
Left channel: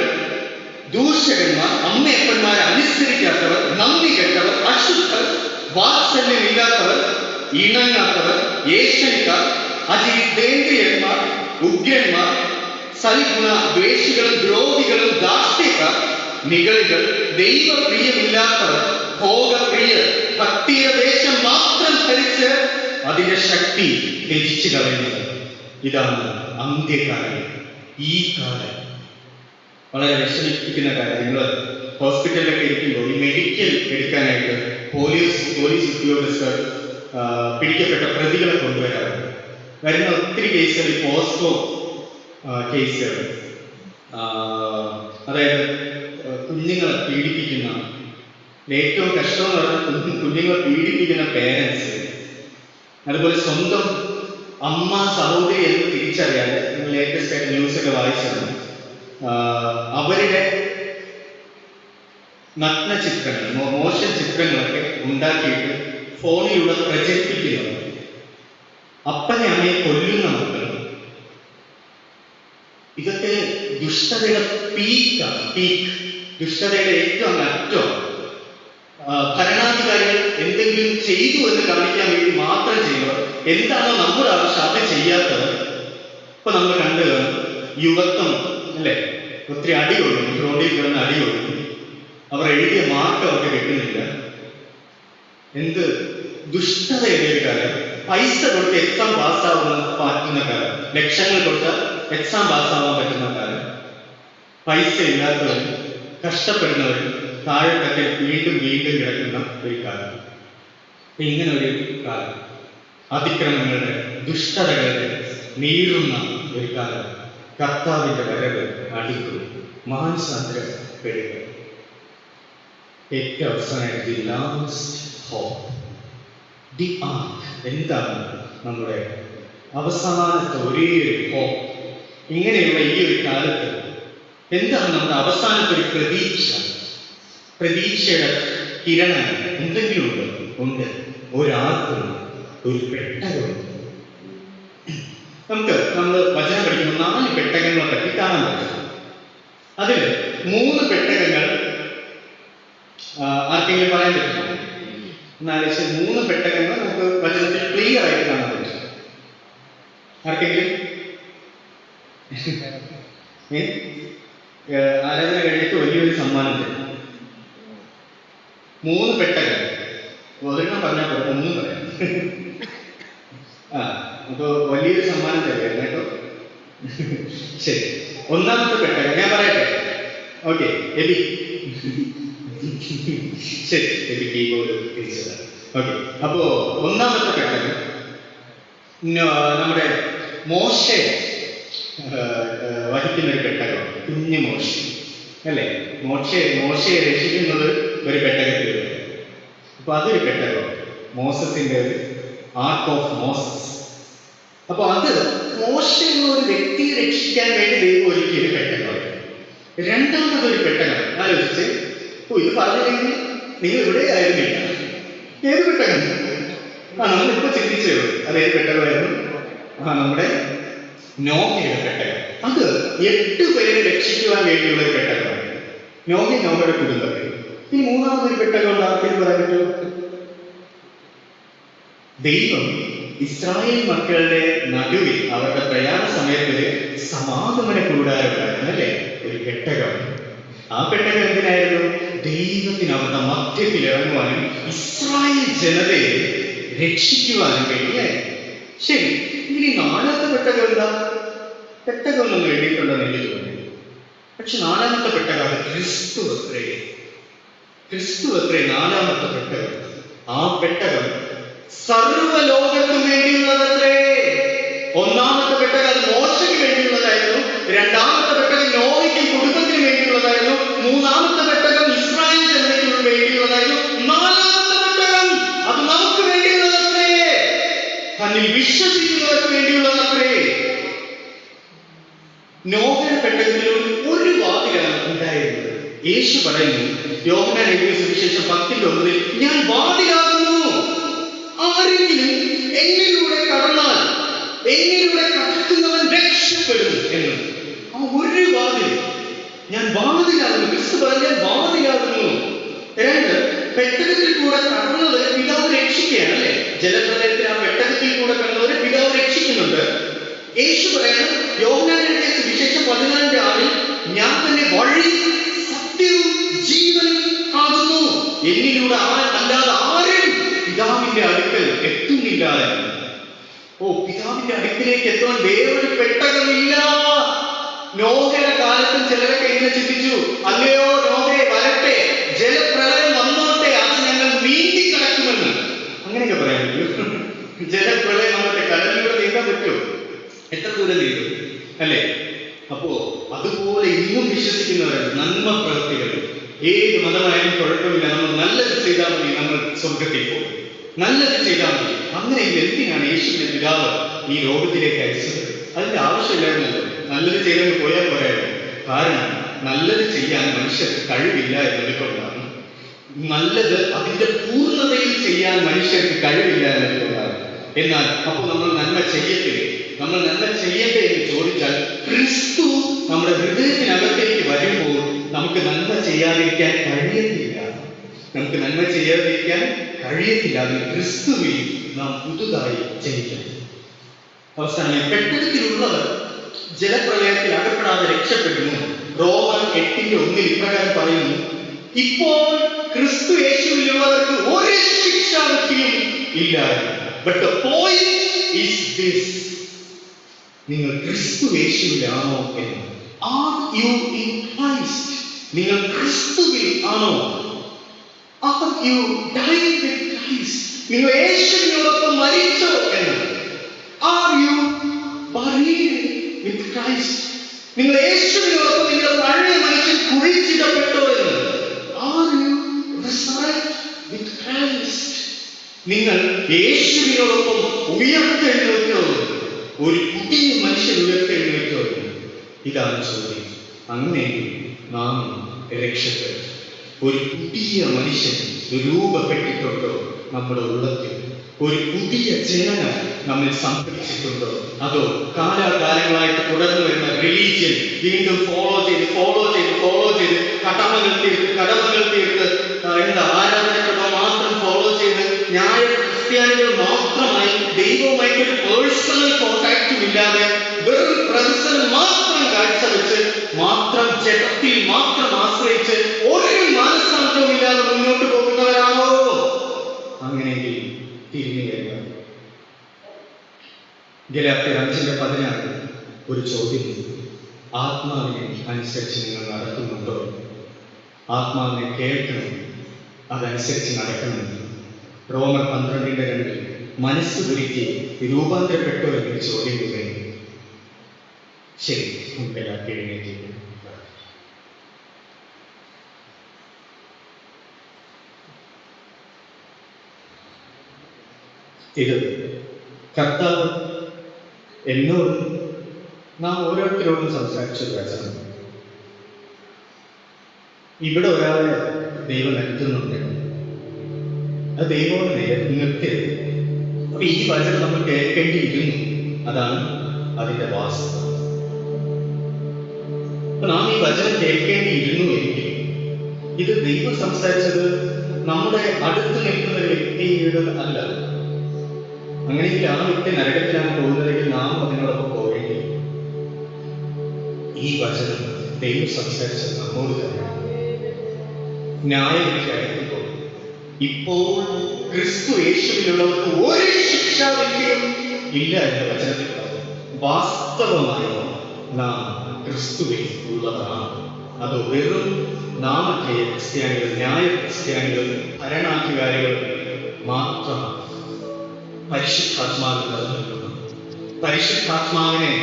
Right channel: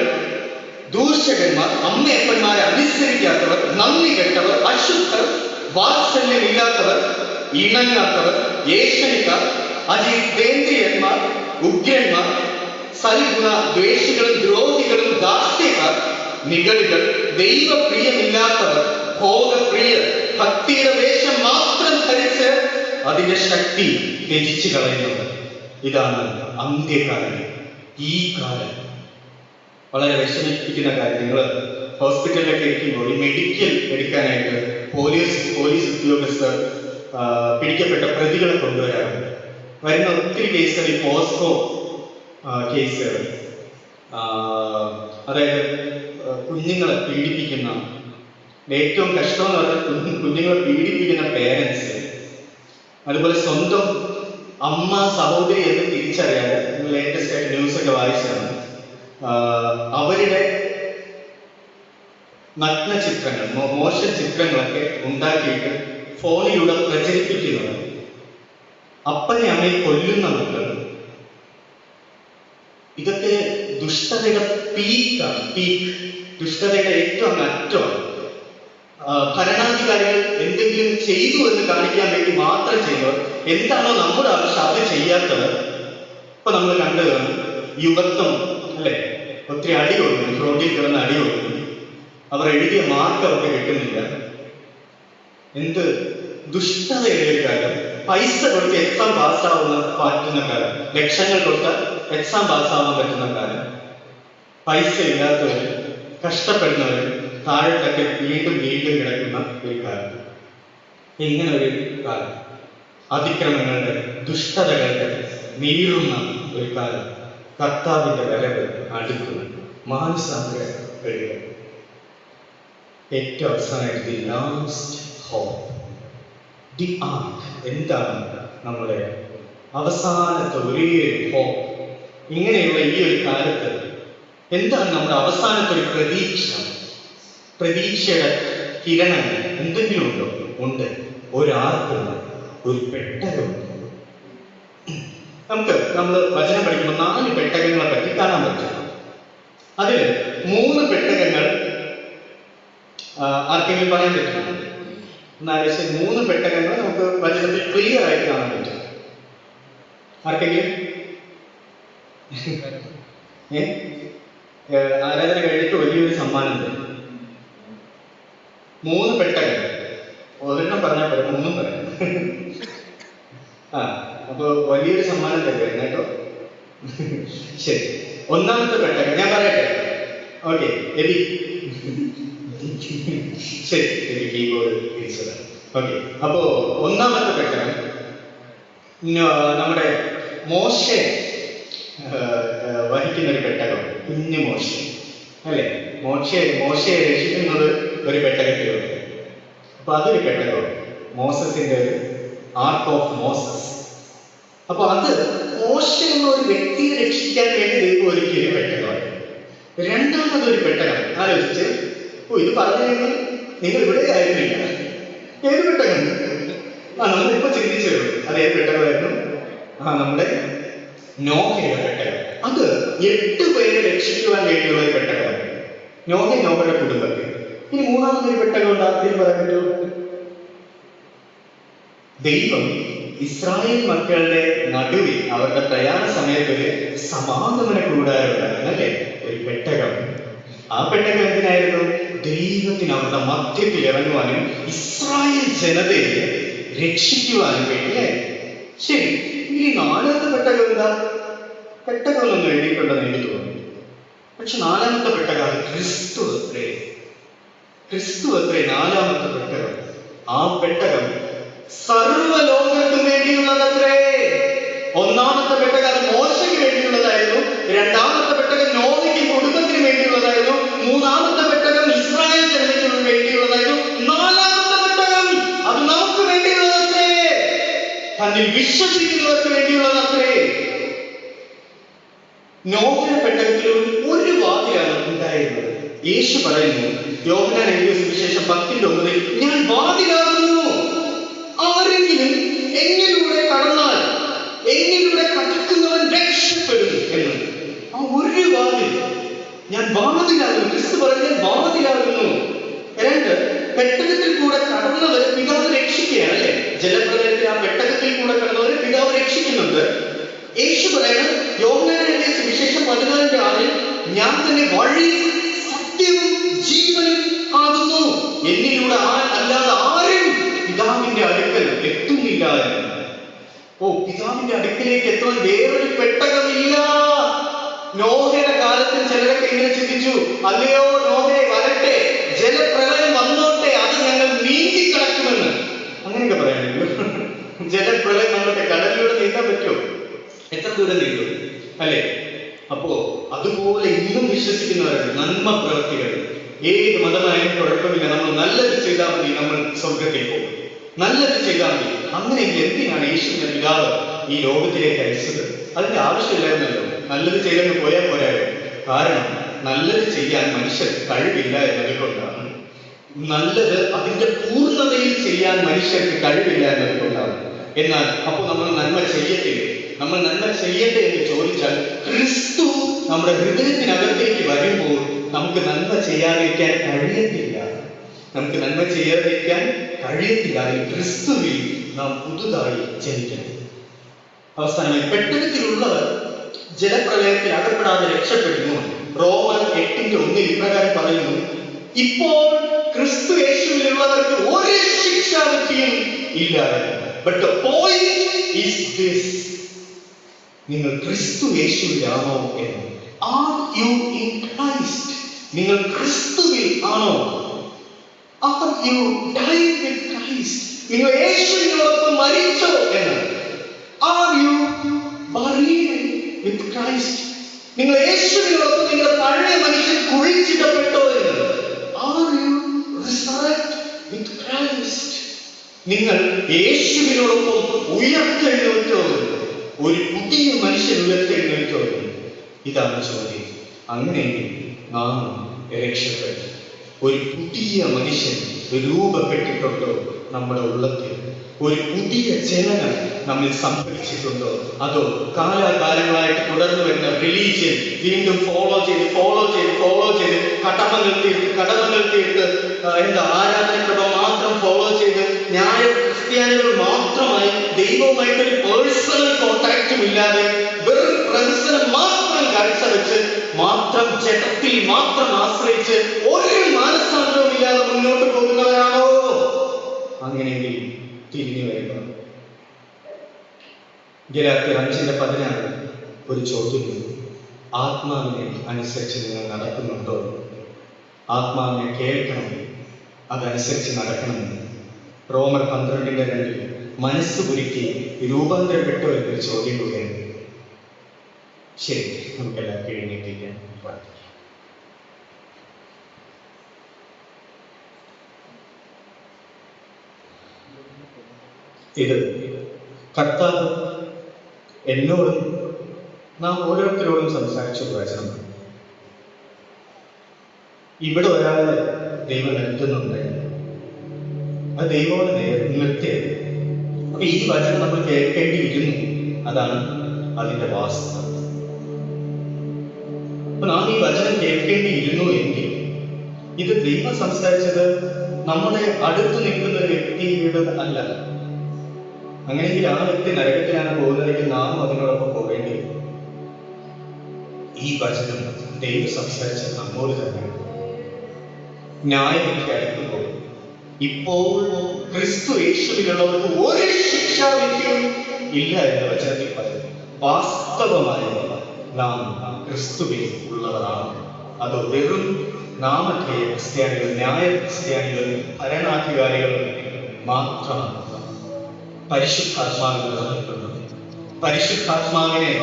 ദൂഷകന്മാർ, അമ്മയപ്പന്മാരെ അനുസരിക്കാത്തവർ, നന്ദി കെട്ടവർ, അശുദ്ധർ, വാത്സല്യമില്ലാത്തവർ, ഇണങ്ങാത്തവർ, ഏഷണിക്കാർ, അതിദേന്ദ്രിയന്മാർ, ഉഗ്രന്മാർ, സൽഗുണ ദ്വേഷികളും ദ്രോഹികളും, ദാർഷ്ട്യക്കാർ, നിഗളികൾ, ദൈവപ്രിയമില്ലാത്തവർ, ഭോഗപ്രിയർ, ഭക്തിയുടെ വേഷം മാത്രം ധരിച്ച് അതിന്റെ ശക്തി ത്യജിച്ചു കളയുന്നത്. ഇതാണ് അന്ത്യകാലം. ഈ കാലം വളരെ വിഷമിപ്പിക്കുന്ന കാര്യം. നിങ്ങൾ ഹോസ്പിറ്റലിലൊക്കെ ഇരിക്കുമ്പോൾ ഈ മെഡിക്കൽ എടുക്കാനായിട്ട് പോലീസ് ഉദ്യോഗസ്ഥർ പിടിക്കപ്പെട്ട പ്രതികളെ കൊണ്ടുവരാറ്. വരുന്ന ഒത്തിരി കേസുകൾ ഈ പോസ്കോ കേസുകൾ, അതായത് കുഞ്ഞുങ്ങളെ പീഡിപ്പിക്കുന്ന, ഏറ്റവും കഷ്ടം എന്ന് പറഞ്ഞാൽ കുഞ്ഞുങ്ങളെ പീഡിപ്പിക്കുന്ന പേരൻസ്, അതുപോലെ സ്വന്തം അമ്മ സഹോദരി എന്ന് തിരിച്ചറിയാതെ, നിങ്ങൾ ലേറ്റസ്റ്റ് ആയിട്ട് ന്യൂസൊക്കെ വായിച്ചതാണ്, അവരുടെ നഗ്ന ചിത്രങ്ങൾ, മോശം ചിത്രങ്ങളൊക്കെ ഉണ്ടാക്കിയിട്ട് ഫോണിലൂടെ പ്രചരിപ്പിക്കുന്നത്, അപ്പനെ അമ്മയെ കൊല്ലുന്ന മക്കൾ. ഇതൊക്കെ ദുഷ്ടതയുടെ പീക്ക്, ദുഷ്ടതയുടെ ഏറ്റവും അറ്റം. ഭരണാധികാരികൾ എന്തെങ്കിലും ചെയ്തു എന്ന് കാണിക്കാൻ വേണ്ടി മാത്രം ചെയ്യുന്നവർ, എന്താണോ നമ്മുടെ ആവശ്യം അത് ചെയ്യാത്തവർ. ഇപ്പൊ നമ്മൾ കണ്ടു യുവത്വം അല്ലെ, ഒത്തിരി അടി കൊടുക്കും, റോഡിൽ കിടന്ന് അടി കൊടുക്കും, അവർ എഴുതിയ മാർക്ക് അവർക്ക് കിട്ടുന്നില്ല. എന്ത് ദുഷ്ടതയുടെ ഒരു കാലം. പൈസ കൊടുത്ത് എക്സാം പറ്റുന്ന കാലം, ലക്ഷങ്ങൾ കൊടുത്ത് എക്സാം പാസ്സാവാൻ പറ്റുന്ന കാലം. പൈസ ഇല്ലാത്തവരും കഷ്ടപ്പെടുന്നവരും താഴെത്തൊക്കെ വീണ്ടും കിടക്കുന്ന ഒരു കാലം. ഇങ്ങനെ ഒരു കാലം, അതിക്രമങ്ങളുടെ ദുഷ്ടതകളുടെ നീറുന്ന ഒരു കാലം. കർത്താവിന്റെ വരവ് അടുക്കും, മാനസാന്തരപ്പെടുക. ഏറ്റവും അവസാനമായിട്ട് ദി ലാസ്റ്റ് ഹോപ്പ്, ദി ആർക്ക്. എന്താണ് നമ്മുടെ അവസാനത്തെ ഒരേ ഹോപ്പ്? ഇങ്ങനെയുള്ള ഈ ഒരു കാലത്ത് എന്താണ് നമ്മുടെ അവസാനത്തെ ഒരു പ്രതീക്ഷ? പ്രതീക്ഷയുടെ കിരണങ്ങൾ എന്തെങ്കിലും ഉണ്ടോ? ഉണ്ട്. ഒരാർക്കുണ്ട്, ഒരു പെട്ടകമുണ്ട്. നമ്മൾ വചനം പഠിക്കുമ്പോൾ 4 പെട്ടകങ്ങളെ പറ്റി കാണാൻ പറ്റും. അതിൽ 3 പെട്ടകങ്ങൾ ആർക്കെങ്കിലും പറയാൻ പറ്റും? എന്നാലും 3 പെട്ടകങ്ങൾ നമുക്ക് വചനത്തിൽ ക്ലിയർ ആയിട്ട് കാണാൻ പറ്റും. ആർക്കെങ്കിലും? ആരാധന കഴിഞ്ഞിട്ട് വലിയൊരു സമ്മാനം തരും. 3 പെട്ടകങ്ങൾ. ഒരെണ്ണം പറഞ്ഞാൽ പോലെ 3 പറയാം. അപ്പൊ വലിയൊരു സമ്മാനം തരുമായിരുന്നു കേട്ടോ. ശരി, ഒന്നാമത്തെ പെട്ടകം ഞാൻ പറയട്ടെ. Okay, AB. ശരി, എബി കീബോർഡ് തിരിച്ചത്. ഓക്കെ, അപ്പോ ഒന്നാമത്തെ പെട്ടകം നമ്മുടെ മോശെ വഹിക്കുന്ന ഒരു പെട്ടകം, കുഞ്ഞു മോശ അല്ലെ. മോശയെ രക്ഷിക്കുന്നത് ഒരു പെട്ടകത്തിലുണ്ട്. അപ്പൊ അതൊരു പെട്ടകം, മോസസിന്റെ ആർക്ക് ഓഫ് മോസസ്. അപ്പൊ അത് മോശ എന്ന ഒരു വ്യക്തിയെ രക്ഷിക്കാൻ വേണ്ടി ദൈവം ഒരുക്കിയൊരു പെട്ടകമാണ്. രണ്ടാമതൊരു പെട്ടകം. ആലോചിച്ച്, ഇത് പറഞ്ഞില്ലെങ്കിൽ നിങ്ങൾ ഇവിടെ ആയിരുന്നില്ല. ഏത് പെട്ടകം? നമ്മളിപ്പോ ചിന്തിച്ചേ ഉള്ളൂ. അത് ഏത് പെട്ടകമായിരുന്നു? നമ്മുടെ നോഹയുടെ പെട്ടകം. അത് 8 പേരെ രക്ഷിക്കുവാൻ വേണ്ടിയുള്ള ഒരു പെട്ടകമാണ്. നോഹയുടെ കുടുംബത്തിൽ. ഇനി മൂന്നാമതൊരു പെട്ടകം ഉണ്ടാക്കിയെന്ന് പറയാൻ പറ്റുമോ? ദൈവം ഇസ്രായേൽ മക്കളുടെ നടുവിൽ അവരുടെ പ്രയാണ സമയത്ത് സമാഗമന കൂടാരം ഉണ്ടായിരുന്നു, അല്ലേ? ഒരു പെട്ടകം. ആ പെട്ടകം എന്തിനായിരുന്നു? ദൈവത്തിന് അവരുടെ മധ്യത്തിൽ ഇറങ്ങുവാനും ഇസ്രായേൽ ജനതയെ രക്ഷിക്കുവാനും വേണ്ടിയായിരുന്നു. ശരി, ഇനി 4ാമത്തെ പെട്ടകം എന്താ? പെട്ടകമൊന്നും എഴുതിയിട്ടുണ്ടെന്ന് എനിക്ക് തോന്നി. പക്ഷെ 4ാമത്തെ പെട്ടകം ക്രിസ്തു അത്രേ. ക്രിസ്തു അത്രേ 4ാമത്തെ പെട്ടകം. ആ പെട്ടകം സർവ്വലോകത്തിനു വേണ്ടിയുള്ളതല്ലേ. 1ാമത്തെ പെട്ടകം മോശയ്ക്ക് വേണ്ടിയുള്ളതായിരുന്നു. 2ാമത്തെ പെട്ടകം നോഹയ്ക്കും കുടുംബത്തിന് വേണ്ടിയുള്ളതായിരുന്നു. 3ാമത്തെ പെട്ടകം ഇസ്രായേൽ ജനതയ്ക്ക് വേണ്ടിയുള്ളതായിരുന്നു. 4ാമത്തെ പെട്ടകം അത് നമുക്ക് വേണ്ടിയുള്ളതത്രേ. തന്നിൽ വിശ്വസിക്കുന്നവർക്ക് വേണ്ടിയുള്ളതത്രേ. നോഹയുടെ പെട്ടകത്തിൽ ഒരു വാതിലാണ് ഉണ്ടായിരുന്നത്. യേശു പറയുന്നു, യോഹന്നാൻ എഴുതിയ സുവിശേഷം 10:9, ഞാൻ വാതിലാകുന്നു, ആരെങ്കിലും എന്നിലൂടെ കടന്നാൽ എന്നിലൂടെ കടക്കുന്നവൻ രക്ഷപ്പെടും എന്ന്. ആ ഒരു വാതിൽ, ഞാൻ വാതിലാകുന്നു. ക്രിസ്തു പറഞ്ഞ വാതിലാകുന്നു. 2, പെട്ടകത്തിൽ കൂടെ കടന്നവരെ പിതാവ് രക്ഷിക്കുകയാണ്, അല്ലെ? ജലപ്രളയത്തിൽ ആ പെട്ടകത്തിൽ കൂടെ കടന്നവരെ പിതാവ് രക്ഷിക്കുന്നുണ്ട്. യേശു പറയുന്നത് യോഹന്നാൻ എഴുതിയ സുവിശേഷം 14:6, ഞാൻ തന്നെ വഴി സത്യവും ജീവനും ആകുന്നു, എന്നിലൂടെ അല്ലാതെ ആരും പിതാവിന്റെ അടുക്കൽ എത്തുന്നില്ല. പിതാവിന്റെ അടുക്കിലേക്ക് എത്തുവാൻ വേറൊരു പെട്ടകമില്ല. നോഹയുടെ കാലത്തും ചിലരൊക്കെ ഇങ്ങനെ ചിന്തിച്ചു, അല്ലയോ നോഹയെ വരട്ടെ, ജലപ്രളയം വന്നോട്ടെ, അത് ഞങ്ങൾ നീന്തി കടക്കുമെന്ന്. അങ്ങനെയൊക്കെ പറയാമല്ലോ. ജലപ്രളയം വന്നോട്ടെ, കടലിലൂടെ നീന്താൻ പറ്റുമോ? എത്ര ദൂരം നീന്തും, അല്ലേ? അപ്പോ അതുപോലെ ഇന്നും വിശ്വസിക്കുന്നവരാണ് നന്മ പ്രവൃത്തികൾ. ഏത് മതമായാലും കുഴപ്പമില്ല, നമ്മൾ നല്ലത് ചെയ്താൽ മതി, നമ്മൾ സ്വർഗത്തിൽ പോകും. നല്ലത് ചെയ്താൽ മതി. അങ്ങനെയെങ്കിൽ എന്തിനാണ് യേശുവിന്റെ പിതാവ് ഈ ലോകത്തിലേക്ക് അയച്ചത്? അതിന്റെ ആവശ്യമില്ലായിരുന്നല്ലോ. നല്ലത് ചെയ്തെന്ന് പോയാൽ പോരായിരുന്നു. കാരണം നല്ലത് ചെയ്യാൻ മനുഷ്യർക്ക് കഴിവില്ല എന്നതുകൊണ്ടാണ്. നല്ലത് അതിന്റെ പൂർണ്ണതയിൽ ചെയ്യാൻ മനുഷ്യർക്ക് കഴിവില്ല എന്നതുകൊണ്ടാണ്. എന്നാൽ അപ്പോൾ നമ്മൾ നന്മ ചെയ്യത്തില്ലേ? നമ്മൾ നന്മ ചെയ്യട്ടെ എന്ന് ചോദിച്ചാൽ ക്രിസ്തു നമ്മുടെ ഹൃദയത്തിനകത്തേക്ക് വരുമ്പോൾ നമുക്ക് നന്മ ചെയ്യാതിരിക്കാൻ കഴിയത്തില്ല. നമുക്ക് നന്മ ചെയ്യാതിരിക്കാൻ കഴിയത്തില്ല. അതിൽ ക്രിസ്തുവിൽ നാം പുതുതായി ജനിക്കണം. അവസാനമായി പെട്ടകത്തിലുള്ളവർ ജലപ്രളയത്തിൽ അകപ്പെടാതെ രക്ഷപ്പെടുന്നു. റോമർ 8:1 ഇപ്രകാരം പറയുന്നു, ഇപ്പോൾ ക്രിസ്തു യേശുവിലുള്ളവർക്ക് ഒരു ശിക്ഷാവിധിയും ഇല്ല. But the point is this, നിങ്ങൾ ക്രിസ്തു യേശുവിലാണോ എന്ന്. Are you in Christ? നിങ്ങൾ ക്രിസ്തുവിൽ ആണോ? Are you died with Christ? നിങ്ങൾ യേശുവിനോടൊപ്പം മരിച്ചോ എന്ന്. Are you buried with Christ? നിങ്ങൾ യേശുവിനോടൊപ്പം നിങ്ങളുടെ പഴയ മനുഷ്യൻ കുഴിച്ചിടപ്പെട്ടോ എന്ന്. Are you resurrected with Christ? നിങ്ങൾ യേശുവിനോടൊപ്പം ഉയർത്തെഴുന്നേറ്റോ? ഒരു പുതിയ മനുഷ്യൻ ഉയർത്തെഴുന്നേറ്റോ? ഇതാണ് ചോദ്യം. അങ്ങനെയെങ്കിൽ നാം രക്ഷപ്പെട്ടു. ഒരു പുതിയ മനുഷ്യൻ രൂപപ്പെട്ടിട്ടുണ്ടോ നമ്മുടെ ഉള്ളത്തിൽ? ഒരു പുതിയ ജനനം നമ്മിൽ സംഭവിച്ചിട്ടുണ്ടോ? അതോ കാലാകാലങ്ങളായിട്ട് തുടർന്നു വരുന്ന റിലീജിയൻ വീണ്ടും ഫോളോ ചെയ്ത് കടമകൾ തീർത്ത് ആരാധനക്രമം മാത്രം ഫോളോ ചെയ്ത് ക്രിസ്ത്യാനികൾ മാത്രമായി ദൈവവുമായിട്ടൊരു പേഴ്സണൽ കോണ്ടാക്റ്റും ഇല്ലാതെ വെറും പ്രദർശനം മാത്രം കാഴ്ചവെച്ച് മാത്രം ജപത്തിൽ മാത്രം ആശ്രയിച്ച് ഒരു മാനസാന്തരവും ഇല്ലാതെ മുന്നോട്ട് പോകുന്നവരാണോ? അങ്ങനെയെങ്കിൽ തിരിഞ്ഞു വരിക. ഗലാത്യർ 5:16 ഒരു ചോദ്യം. ആത്മാവിനെ അനുസരിച്ച് നിങ്ങൾ നടക്കുന്നുണ്ടോ? ആത്മാവിനെ കേൾക്കണം, അതനുസരിച്ച് നടക്കണമെന്ന്. റോമർ 12:2 മനസ്സ് ഒരുക്കി രൂപാന്തരപ്പെട്ടോ എന്ന് ചോദ്യം കൂടെയുണ്ട്. ശരി, നമുക്കെല്ലാം എഴുന്നേറ്റിരിക്കാം. ഇത് കർത്താവ് എന്നോട് നാം ഓരോരുത്തരോടും സംസാരിച്ച വചനം. ഇവിടെ ഒരാളെ ദൈവം നിർത്തുന്നുണ്ട്, അത് ദൈവം നിർത്തിയത്. അപ്പൊ ഈ വചനം നമ്മൾ കേൾക്കേണ്ടിയിരുന്നു. അതാണ് അതിന്റെ വാസ്തവം. അപ്പൊ നാം ഈ വചനം കേൾക്കേണ്ടിയിരുന്നു എങ്കിൽ ഇത് ദൈവം സംസാരിച്ചത് നമ്മുടെ അടുത്ത് നിൽക്കുന്ന ഒരു വ്യക്തിയുടെ അല്ല. അങ്ങനെയെങ്കിൽ ആ വ്യക്തി നരകത്തിലാണ് പോകുന്നതെങ്കിൽ നാം അതിനോടൊപ്പം പോവേണ്ടി വരും. ഈ വചനം ദൈവം സംസാരിച്ച നമ്മോട് തന്നെയാണ്. ന്യായവിധിയായിരിക്കുമ്പോൾ ഇപ്പോൾ ക്രിസ്തു യേശുവിലുള്ളവർക്ക് ഒരു ശിക്ഷാവിധിയും ഇല്ല എന്ന വചനത്തിൽ പറഞ്ഞു. വാസ്തവമായി നാം ക്രിസ്തുവിൽ ഉള്ളവരാണ്. അത് വെറും നാമധേയ ക്രിസ്ത്യാനികൾ, ന്യായ ക്രിസ്ത്യാനികൾ, ഭരണാധികാരികൾ മാത്രമാണ്. പരിശുദ്ധാത്മാവിനെ നിലനിൽക്കുന്നു, പരിശുദ്ധാത്മാവിനെ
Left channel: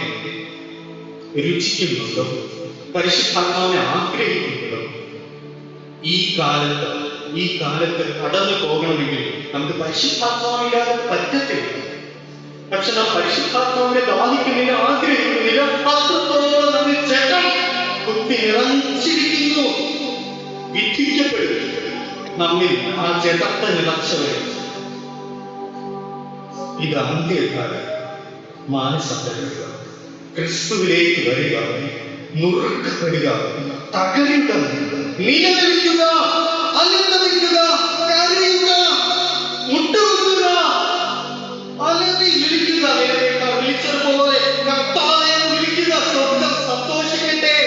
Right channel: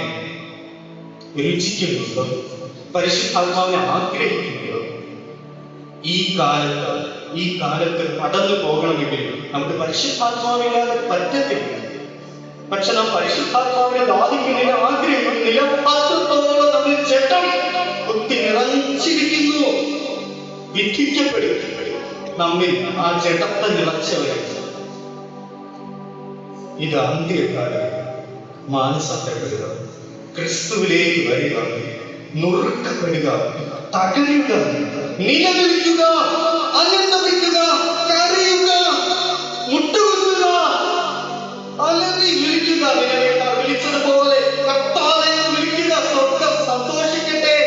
രുചിക്കുന്നുണ്ടോ, പരിശുദ്ധാത്മാവിനെ ആഗ്രഹിക്കുന്നുണ്ടോ? ഈ കാലത്ത് കടന്നു പോകണമെങ്കിൽ നമുക്ക് പരിശുദ്ധാത്മാവില്ലാതെ പറ്റത്തില്ല. പക്ഷെ നാം പരിശുദ്ധാത്മാവിനെ ദാഹിക്കുന്നില്ല, ആഗ്രഹിക്കുന്നില്ല. അത്രത്തോളം ജഡം കുത്തി നിറച്ചിരിക്കുന്നു. വിധിക്കപ്പെടും നമ്മിൽ ആ ജഡത്തെ നിറച്ചവരെ. ഇത് അന്ത്യകാലം. മാനസാന്തരപ്പെടുക, ക്രിസ്തുവിലേക്ക് വരിക, നുറുക്കപ്പെടുക, തകരുക, നിലനിൽക്കുക, അനുഭവിക്കുക, കരയുക, മുട്ടുകുത്തുക, അലറി വിളിക്കുക. നിലയേക്കാൾ വിളിച്ചതുപോലെ കർത്താവേ വിളിക്കുക. സ്വർഗ്ഗം സന്തോഷിക്കട്ടെ.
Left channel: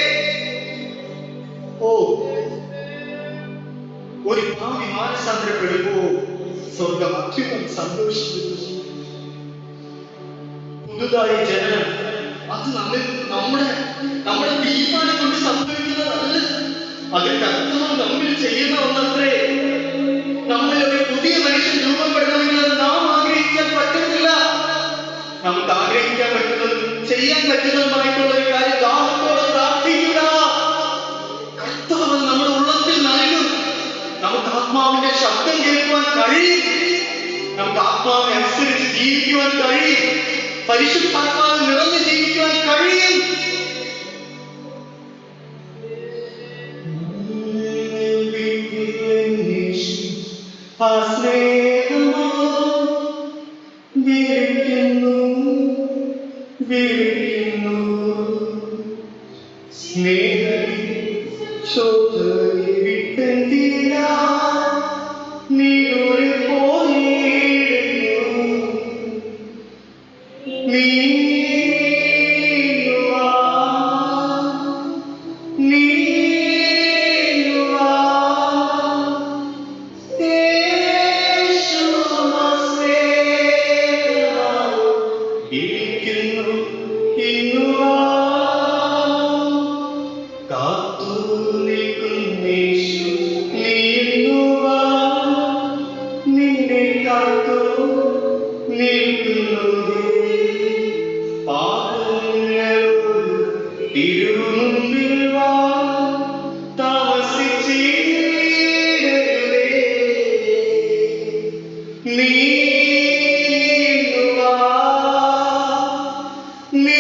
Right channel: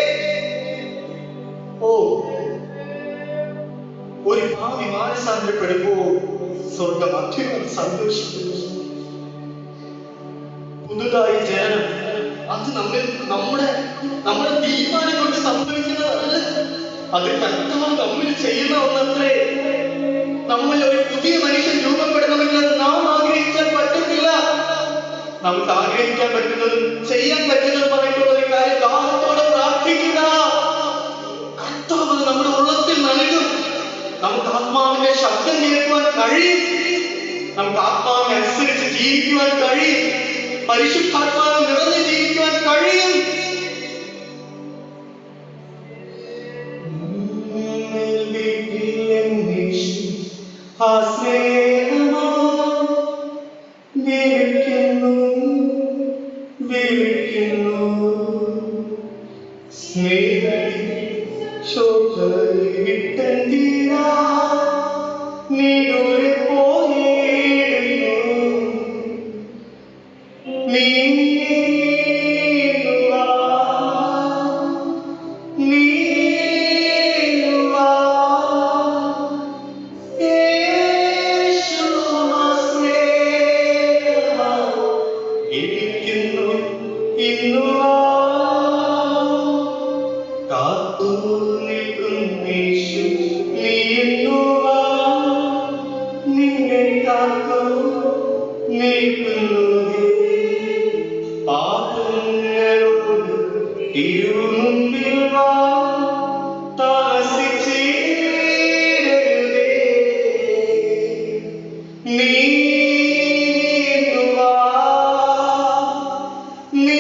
ഒരു ഭാവി മാനസാന്തരപ്പെടുമ്പോൾ സ്വർഗം അധികം സന്തോഷിക്കുന്നു. പുതുതായി ജനനം അത് നമ്മുടെ തീരുമാനം കൊണ്ട് സംഭവിക്കുന്നതല്ല. അത് കർത്താവ് നമ്മിൽ ചെയ്യുന്ന ഒന്നത്രേ. നമ്മൾ ഒരു പുതിയ മനുഷ്യൻ രൂപപ്പെടണമെങ്കിൽ അത് നാം ആഗ്രഹിക്കാൻ പറ്റുന്നില്ല. നമുക്ക് ആഗ്രഹിക്കാൻ പറ്റുന്നതും ചെയ്യാൻ പറ്റുന്നതുമായിട്ടുള്ള ഒരു കാര്യം ദാഹത്തോടെ പ്രാർത്ഥിക്കുക. കർത്താവ് നമ്മുടെ ഉള്ളത്തിൽ നൽകും. നമുക്ക് ആത്മാവിന്റെ ശബ്ദം കേൾക്കുവാൻ കഴിയും. നമുക്ക് ആത്മാവിനെ അനുസരിച്ച് ജീവിക്കുവാൻ കഴിയും. പരിശുദ്ധാത്മാവിൽ നിറഞ്ഞു ജീവിക്കുവാൻ കഴിയും. നീ